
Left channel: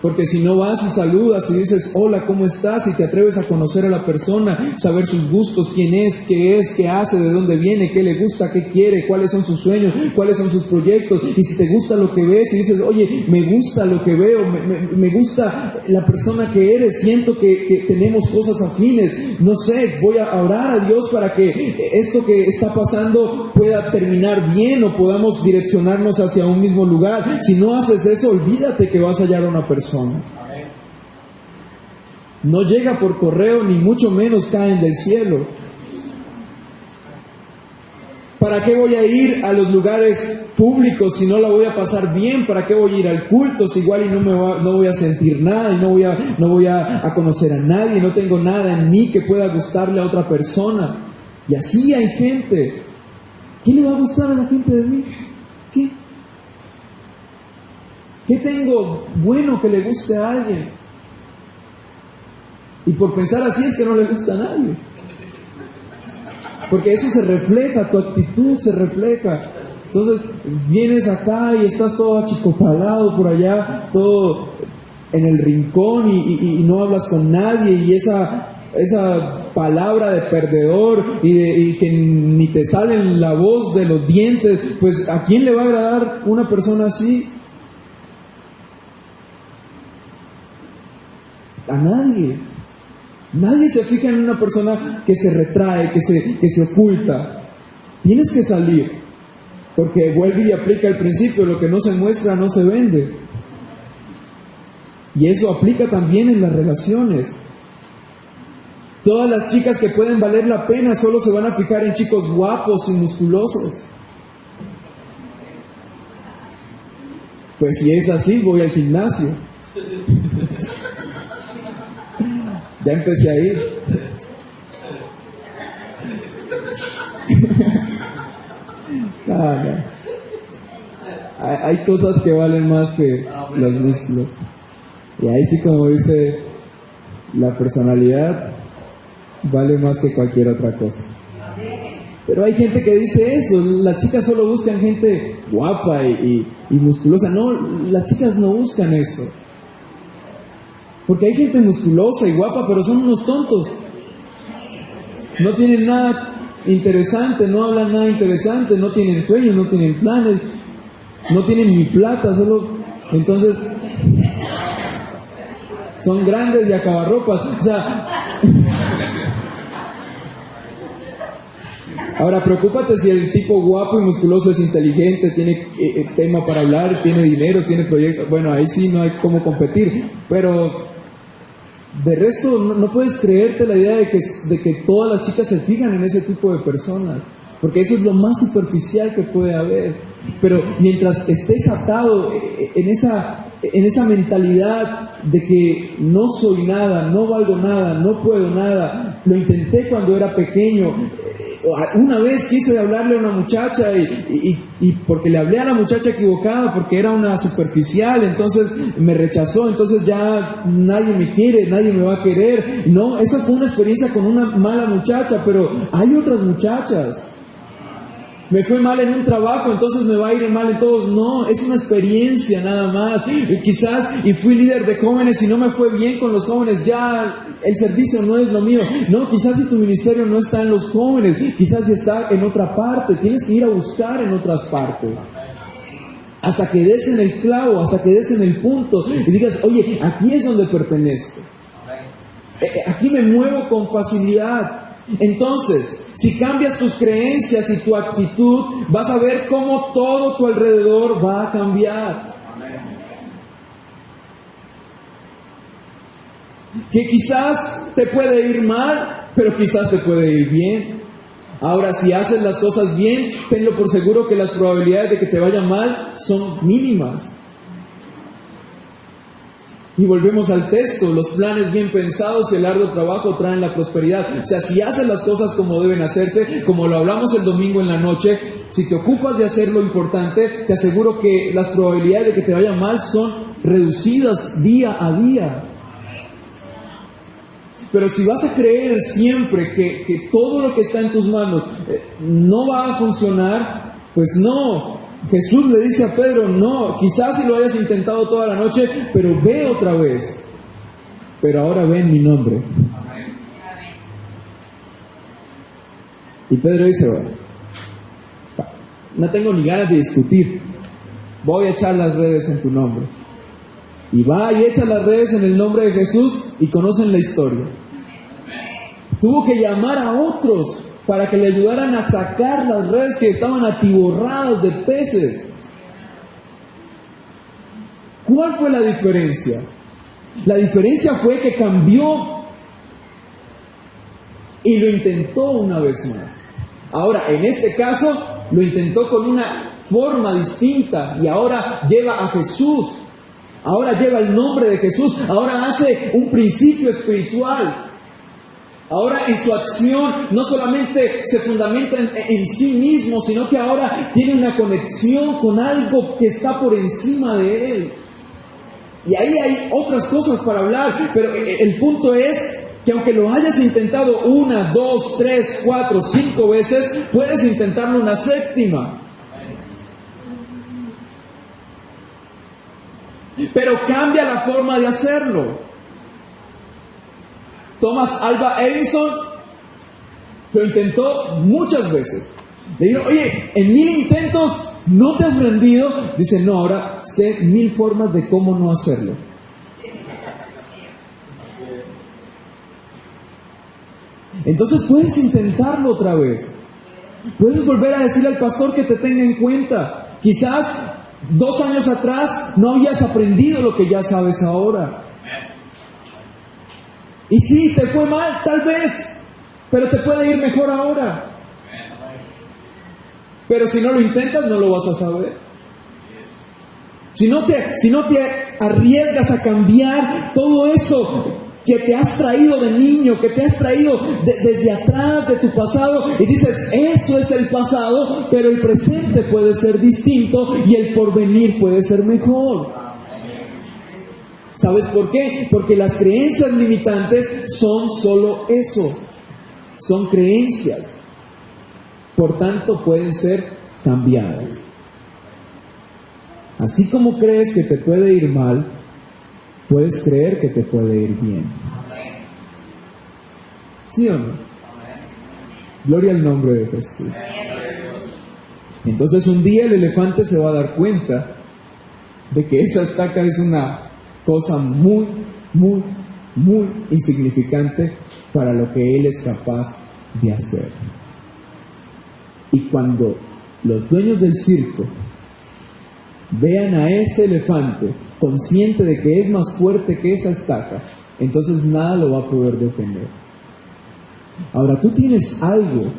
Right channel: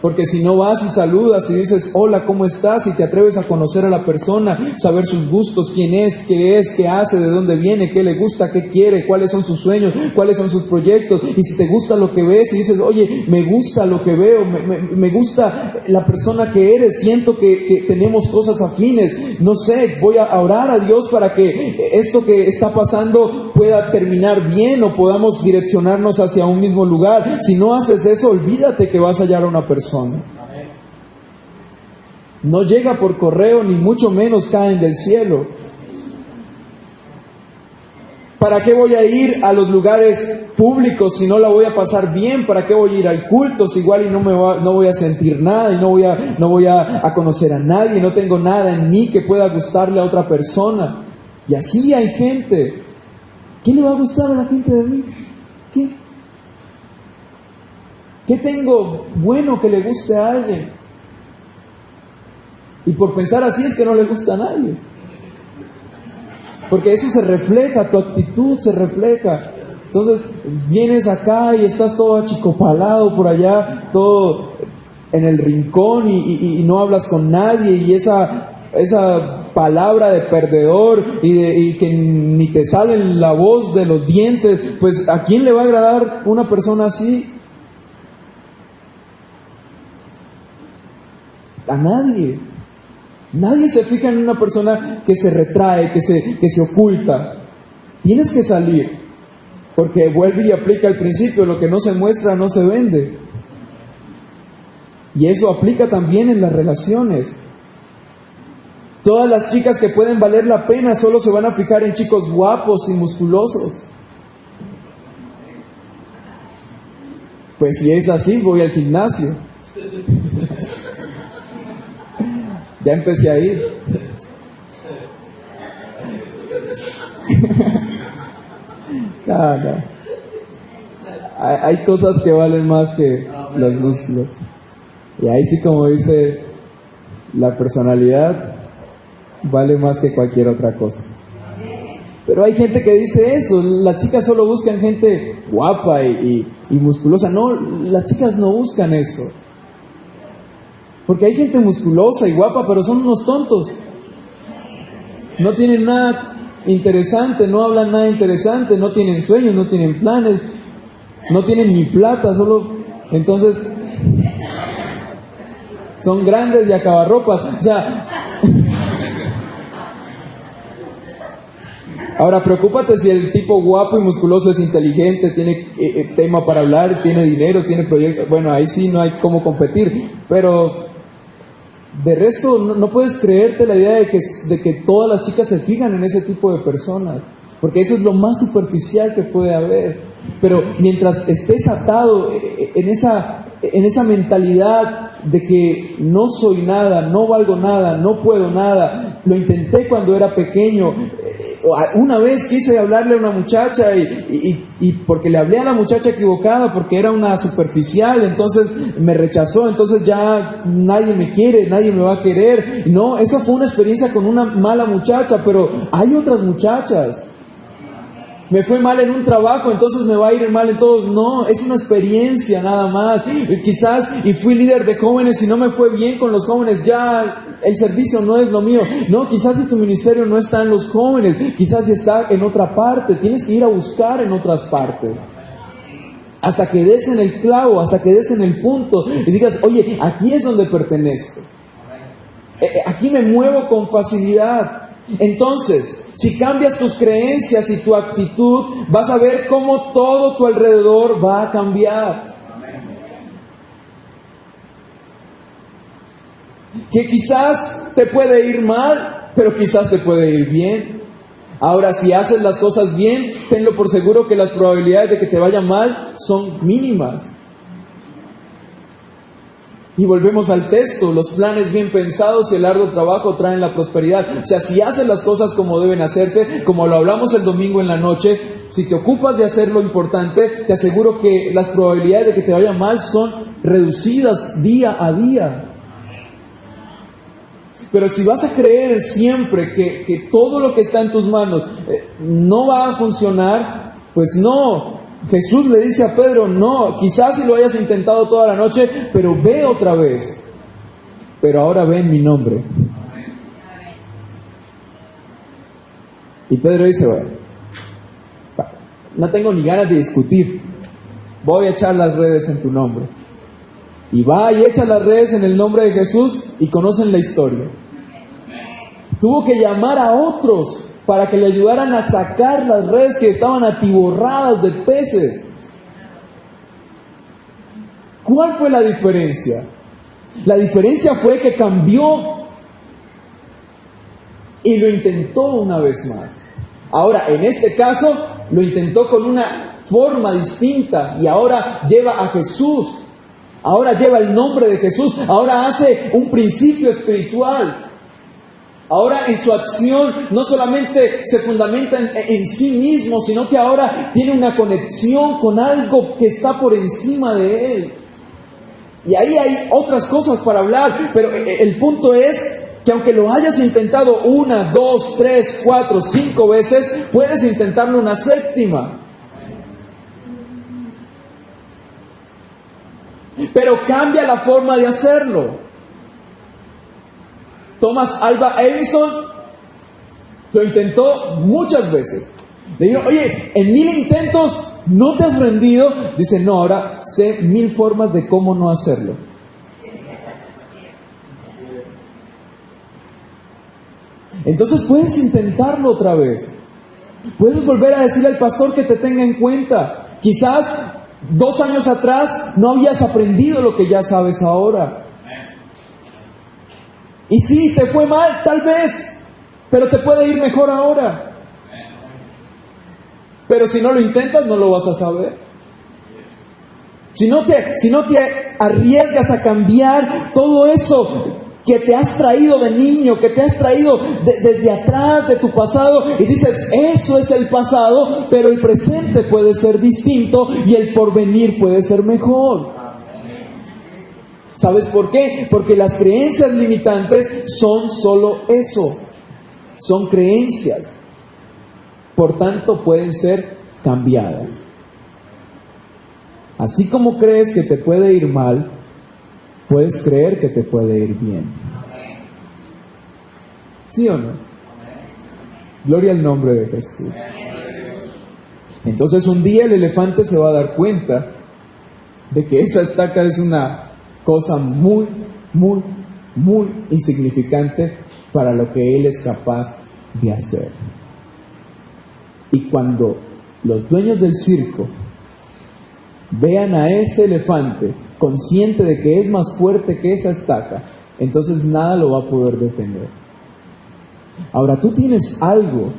Porque si no vas y saludas y dices, hola, ¿cómo estás? Y te atreves a conocer a la persona, saber sus gustos, quién es, qué hace, de dónde viene, qué le gusta, qué quiere, cuáles son sus sueños, cuáles son sus proyectos. Y si te gusta lo que ves y dices, oye, me gusta lo que veo, me gusta la persona que eres, siento que tenemos cosas afines, no sé, voy a orar a Dios para que esto que está pasando pueda terminar bien o podamos direccionarnos hacia un mismo lugar. Si no haces eso, olvídate que vas a hallar a una persona. No llega por correo, ni mucho menos caen del cielo. ¿Para qué voy a ir a los lugares públicos si no la voy a pasar bien? ¿Para qué voy a ir al culto si igual y no voy a sentir nada y no voy a conocer a nadie, no tengo nada en mí que pueda gustarle a otra persona? Y así hay gente. ¿Qué le va a gustar a la gente de mí? ¿Qué tengo bueno que le guste a alguien? Y por pensar así es que no le gusta a nadie. Porque eso se refleja, tu actitud se refleja. Entonces vienes acá y estás todo achicopalado por allá, todo en el rincón y no hablas con nadie, y esa palabra de perdedor y que ni te sale la voz de los dientes, pues ¿a quién le va a agradar una persona así? A nadie. Nadie se fija en una persona que se retrae, que se oculta. Tienes que salir, porque vuelve y aplica el principio, lo que no se muestra no se vende. Y eso aplica también en las relaciones. Todas las chicas que pueden valer la pena solo se van a fijar en chicos guapos y musculosos. Pues si es así, voy al gimnasio. Ya empecé a ir. No. Hay cosas que valen más que los músculos. Y ahí sí, como dice, la personalidad vale más que cualquier otra cosa. Pero hay gente que dice eso, las chicas solo buscan gente guapa y musculosa. No, las chicas no buscan eso. Porque hay gente musculosa y guapa, pero son unos tontos. No tienen nada interesante, no hablan nada interesante, no tienen sueños, no tienen planes, no tienen ni plata, solo... Entonces, son grandes y acabarropas. O sea... Ahora, preocúpate si el tipo guapo y musculoso es inteligente, tiene tema para hablar, tiene dinero, tiene proyectos. Bueno, ahí sí no hay cómo competir. Pero de resto, no puedes creerte la idea de que todas las chicas se fijan en ese tipo de personas. Porque eso es lo más superficial que puede haber. Pero mientras estés atado en esa mentalidad de que no soy nada, no valgo nada, no puedo nada, lo intenté cuando era pequeño. Una vez quise hablarle a una muchacha y porque le hablé a la muchacha equivocada, porque era una superficial, entonces me rechazó, entonces ya nadie me quiere, nadie me va a querer. No, esa fue una experiencia con una mala muchacha, pero hay otras muchachas. Me fue mal en un trabajo, entonces me va a ir mal en todos. No, es una experiencia nada más. Quizás, y fui líder de jóvenes y no me fue bien con los jóvenes, ya el servicio no es lo mío. No, quizás si tu ministerio no está en los jóvenes, quizás está en otra parte. Tienes que ir a buscar en otras partes. Hasta que des en el clavo, hasta que des en el punto y digas, oye, aquí es donde pertenezco. Aquí me muevo con facilidad. Entonces, si cambias tus creencias y tu actitud, vas a ver cómo todo tu alrededor va a cambiar. Que quizás te puede ir mal, pero quizás te puede ir bien. Ahora, si haces las cosas bien, tenlo por seguro que las probabilidades de que te vaya mal son mínimas. Y volvemos al texto, los planes bien pensados y el arduo trabajo traen la prosperidad. O sea, si haces las cosas como deben hacerse, como lo hablamos el domingo en la noche, si te ocupas de hacer lo importante, te aseguro que las probabilidades de que te vaya mal son reducidas día a día. Pero si vas a creer siempre que todo lo que está en tus manos no va a funcionar, pues no. Jesús le dice a Pedro, no, quizás si lo hayas intentado toda la noche, pero ve otra vez. Pero ahora ve en mi nombre. Y Pedro dice, bueno, no tengo ni ganas de discutir, voy a echar las redes en tu nombre. Y va y echa las redes en el nombre de Jesús y conocen la historia. Tuvo que llamar a otros para que le ayudaran a sacar las redes que estaban atiborradas de peces. ¿Cuál fue la diferencia? La diferencia fue que cambió y lo intentó una vez más. Ahora, en este caso, lo intentó con una forma distinta y ahora lleva a Jesús. Ahora lleva el nombre de Jesús. Ahora hace un principio espiritual. Ahora en su acción no solamente se fundamenta en sí mismo, sino que ahora tiene una conexión con algo que está por encima de él. Y ahí hay otras cosas para hablar, pero el punto es que aunque lo hayas intentado 1, 2, 3, 4, 5 veces, puedes intentarlo una séptima. Pero cambia la forma de hacerlo. Thomas Alva Edison lo intentó muchas veces. Le dijeron, oye, en 1000 intentos no te has rendido. Dice, no, ahora sé 1000 formas de cómo no hacerlo. Entonces puedes intentarlo otra vez. Puedes volver a decirle al pastor que te tenga en cuenta. Quizás 2 años atrás no habías aprendido lo que ya sabes ahora. Y sí, te fue mal, tal vez, pero te puede ir mejor ahora. Pero si no lo intentas, no lo vas a saber. Si no te arriesgas a cambiar todo eso que te has traído de niño, que te has traído desde atrás de tu pasado, y dices, eso es el pasado, pero el presente puede ser distinto y el porvenir puede ser mejor. ¿Sabes por qué? Porque las creencias limitantes son solo eso, son creencias. Por tanto, pueden ser cambiadas. Así como crees que te puede ir mal, puedes creer que te puede ir bien. ¿Sí o no? Gloria al nombre de Jesús. Entonces un día el elefante se va a dar cuenta de que esa estaca es una cosa muy, muy, muy insignificante para lo que él es capaz de hacer. Y cuando los dueños del circo vean a ese elefante consciente de que es más fuerte que esa estaca, entonces nada lo va a poder detener. Ahora tú tienes algo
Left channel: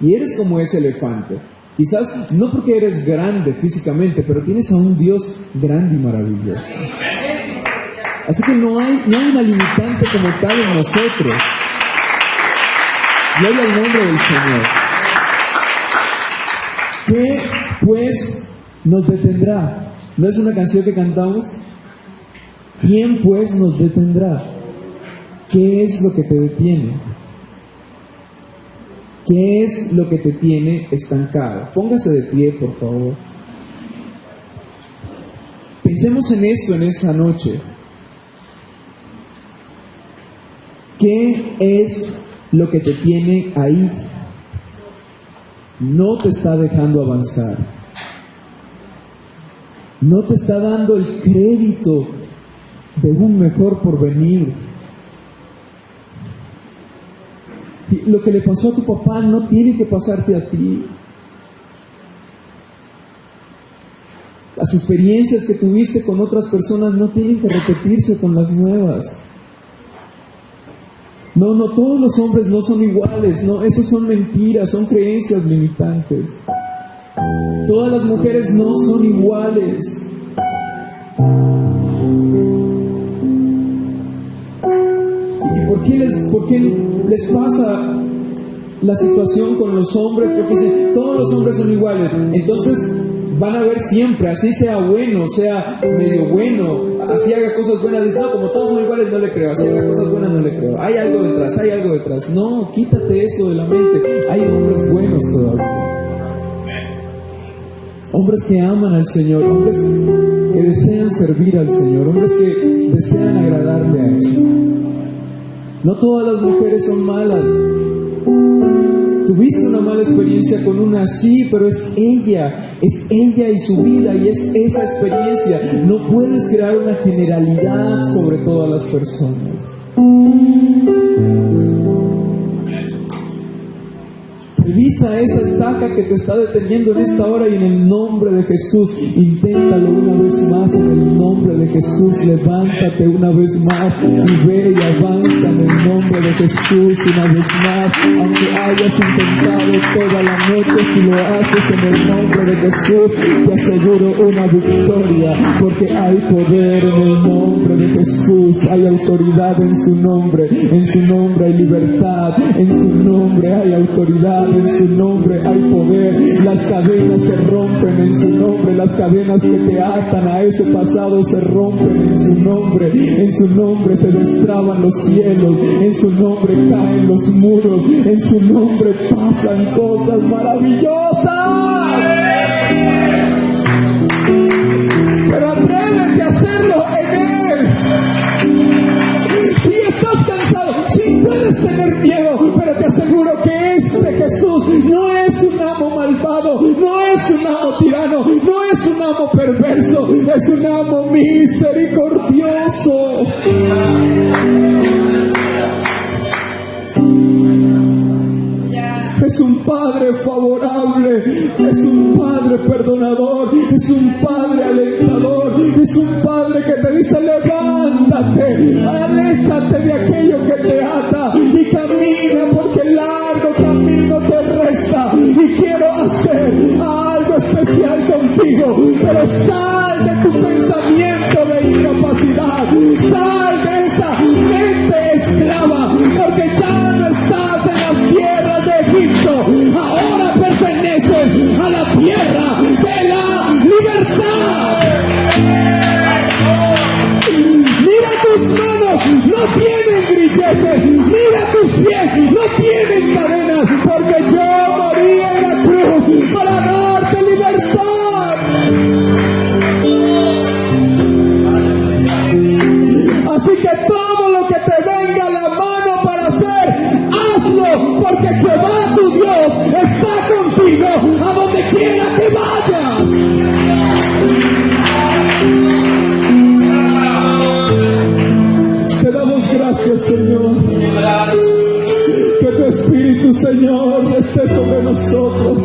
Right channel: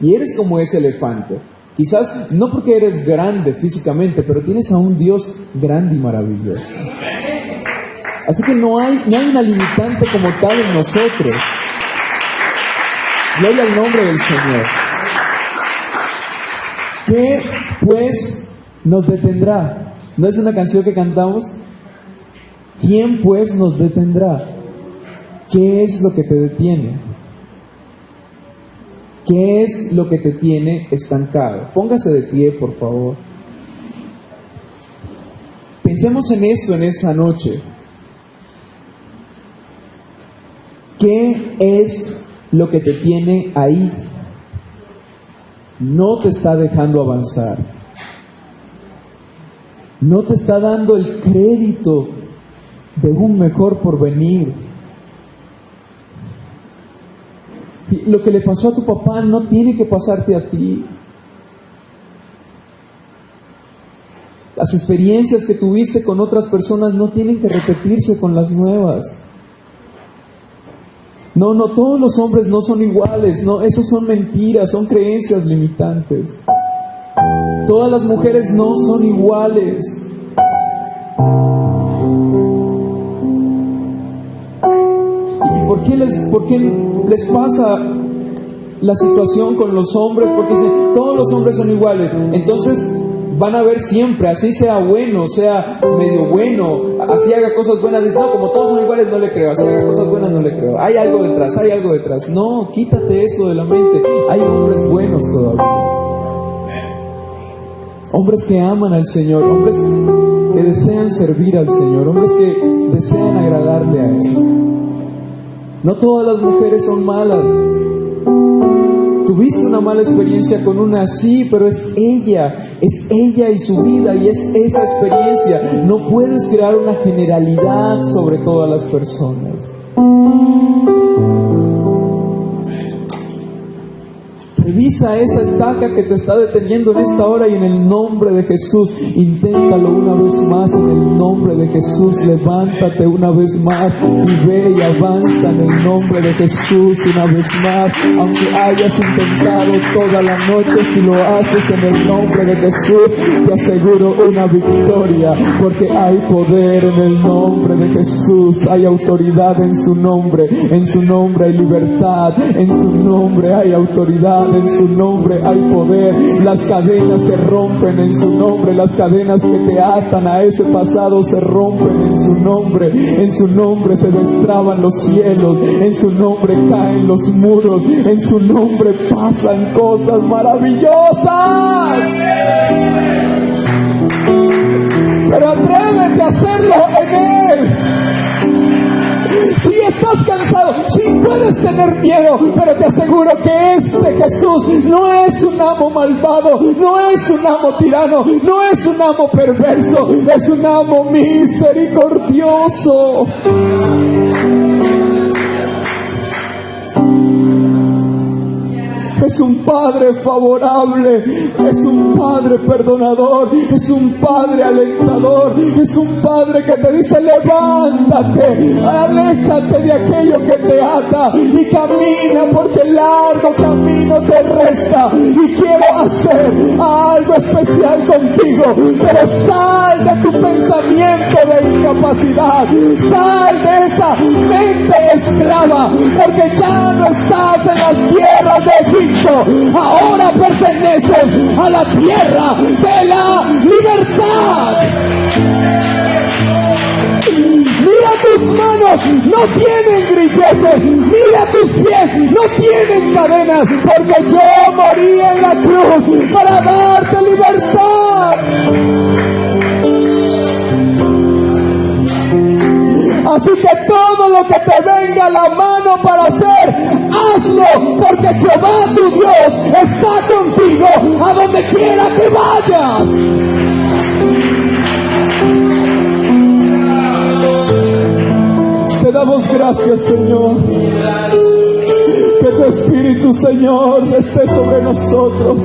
y eres como ese elefante. Quizás no porque eres grande físicamente, pero tienes a un Dios grande y maravilloso. Así que no hay una limitante como tal en nosotros. Gloria al nombre del Señor. ¿Qué pues nos detendrá? ¿No es una canción que cantamos? ¿Quién pues nos detendrá? ¿Qué es lo que te detiene? ¿Qué es lo que te tiene estancado? Póngase de pie, por favor. Pensemos en eso en esa noche. ¿Qué es lo que te tiene ahí? No te está dejando avanzar. No te está dando el crédito de un mejor porvenir. Lo que le pasó a tu papá no tiene que pasarte a ti. Las experiencias que tuviste con otras personas no tienen que repetirse con las nuevas. No, todos los hombres no son iguales, no, eso son mentiras, son creencias limitantes. Todas las mujeres no son iguales. ¿Y por qué les pasa la situación con los hombres? Porque dicen, todos los hombres son iguales. Entonces van a ver siempre, así sea bueno, sea medio bueno, así haga cosas buenas, dicen, no, como todos son iguales no le creo, así haga cosas buenas no le creo, hay algo detrás. No, quítate eso de la mente. Hay hombres buenos todavía, hombres que aman al Señor, hombres que desean servir al Señor, hombres que desean agradarle a Él. No todas las mujeres son malas. Tuviste una mala experiencia con una, sí, pero es ella y su vida, y es esa experiencia. No puedes crear una generalidad sobre todas las personas. Revisa esa estaca que te está deteniendo en esta hora y en el nombre de Jesús, inténtalo una vez más en el nombre de Jesús. Levántate una vez más y ve y avanza en el nombre de Jesús una vez más. Aunque hayas intentado toda la noche, si lo haces en el nombre de Jesús, te aseguro una victoria, porque hay poder en el nombre de Jesús, hay autoridad en su nombre hay libertad, en su nombre hay autoridad, en su nombre hay poder. Las cadenas se rompen en su nombre, las cadenas que te atan a ese pasado se rompen en su nombre se destraban los cielos, en su nombre caen los muros, en su nombre pasan cosas maravillosas. Pero atrévete a hacerlo en Él. Si estás cansado, si puedes tener miedo, pero te aseguro que este Jesús no es un amo malvado, no es un amo tirano, no es un amo perverso, es un amo misericordioso. Es un Padre favorable, es un Padre perdonador, es un Padre alentador, es un Padre que te dice: levántate, aléjate de aquello que te ata y camina, porque el largo camino te resta, y quiero hacer algo especial contigo. Pero sal de tu pensamiento de incapacidad, sal de esa mente esclava, porque ya no estás en las tierras de Egipto, ahora perteneces a la tierra de la libertad. Mira mira tus pies, no tienen cadenas, porque yo morí en la cruz para darte libertad. Así que todo lo que te venga a la mano para hacer, hazlo, porque Jehová tu Dios está contigo a donde quiera que vayas. Te damos gracias, Señor. Que tu Espíritu, Señor, esté sobre nosotros.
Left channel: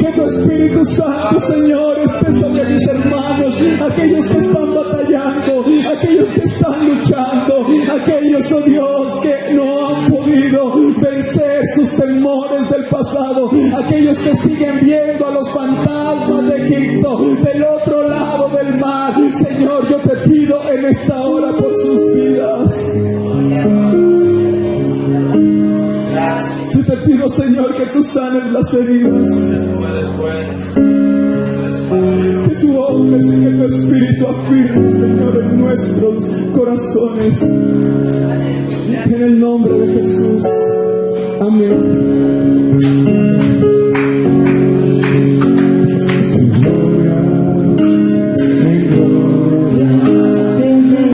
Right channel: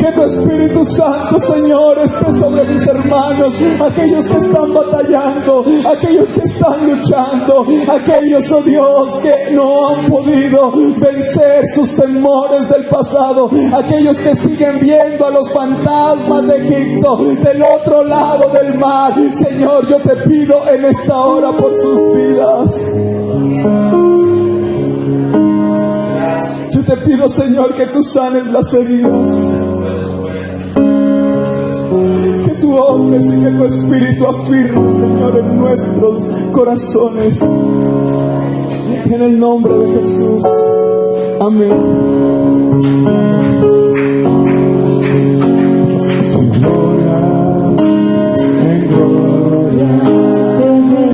Que tu Espíritu Santo, Señor, esté sobre mis hermanos, aquellos que están batallando, aquellos que están luchando, aquellos, oh Dios, que no han podido vencer sus temores del pasado, aquellos que siguen viendo a los fantasmas de Egipto del otro lado del mar. Señor, yo te pido en esta hora por sus vidas. Yo te pido, Señor, que tú sanes las heridas, que tú obres y que tu Espíritu afirme, Señor, en nuestros corazones. En el nombre de Jesús. Amén.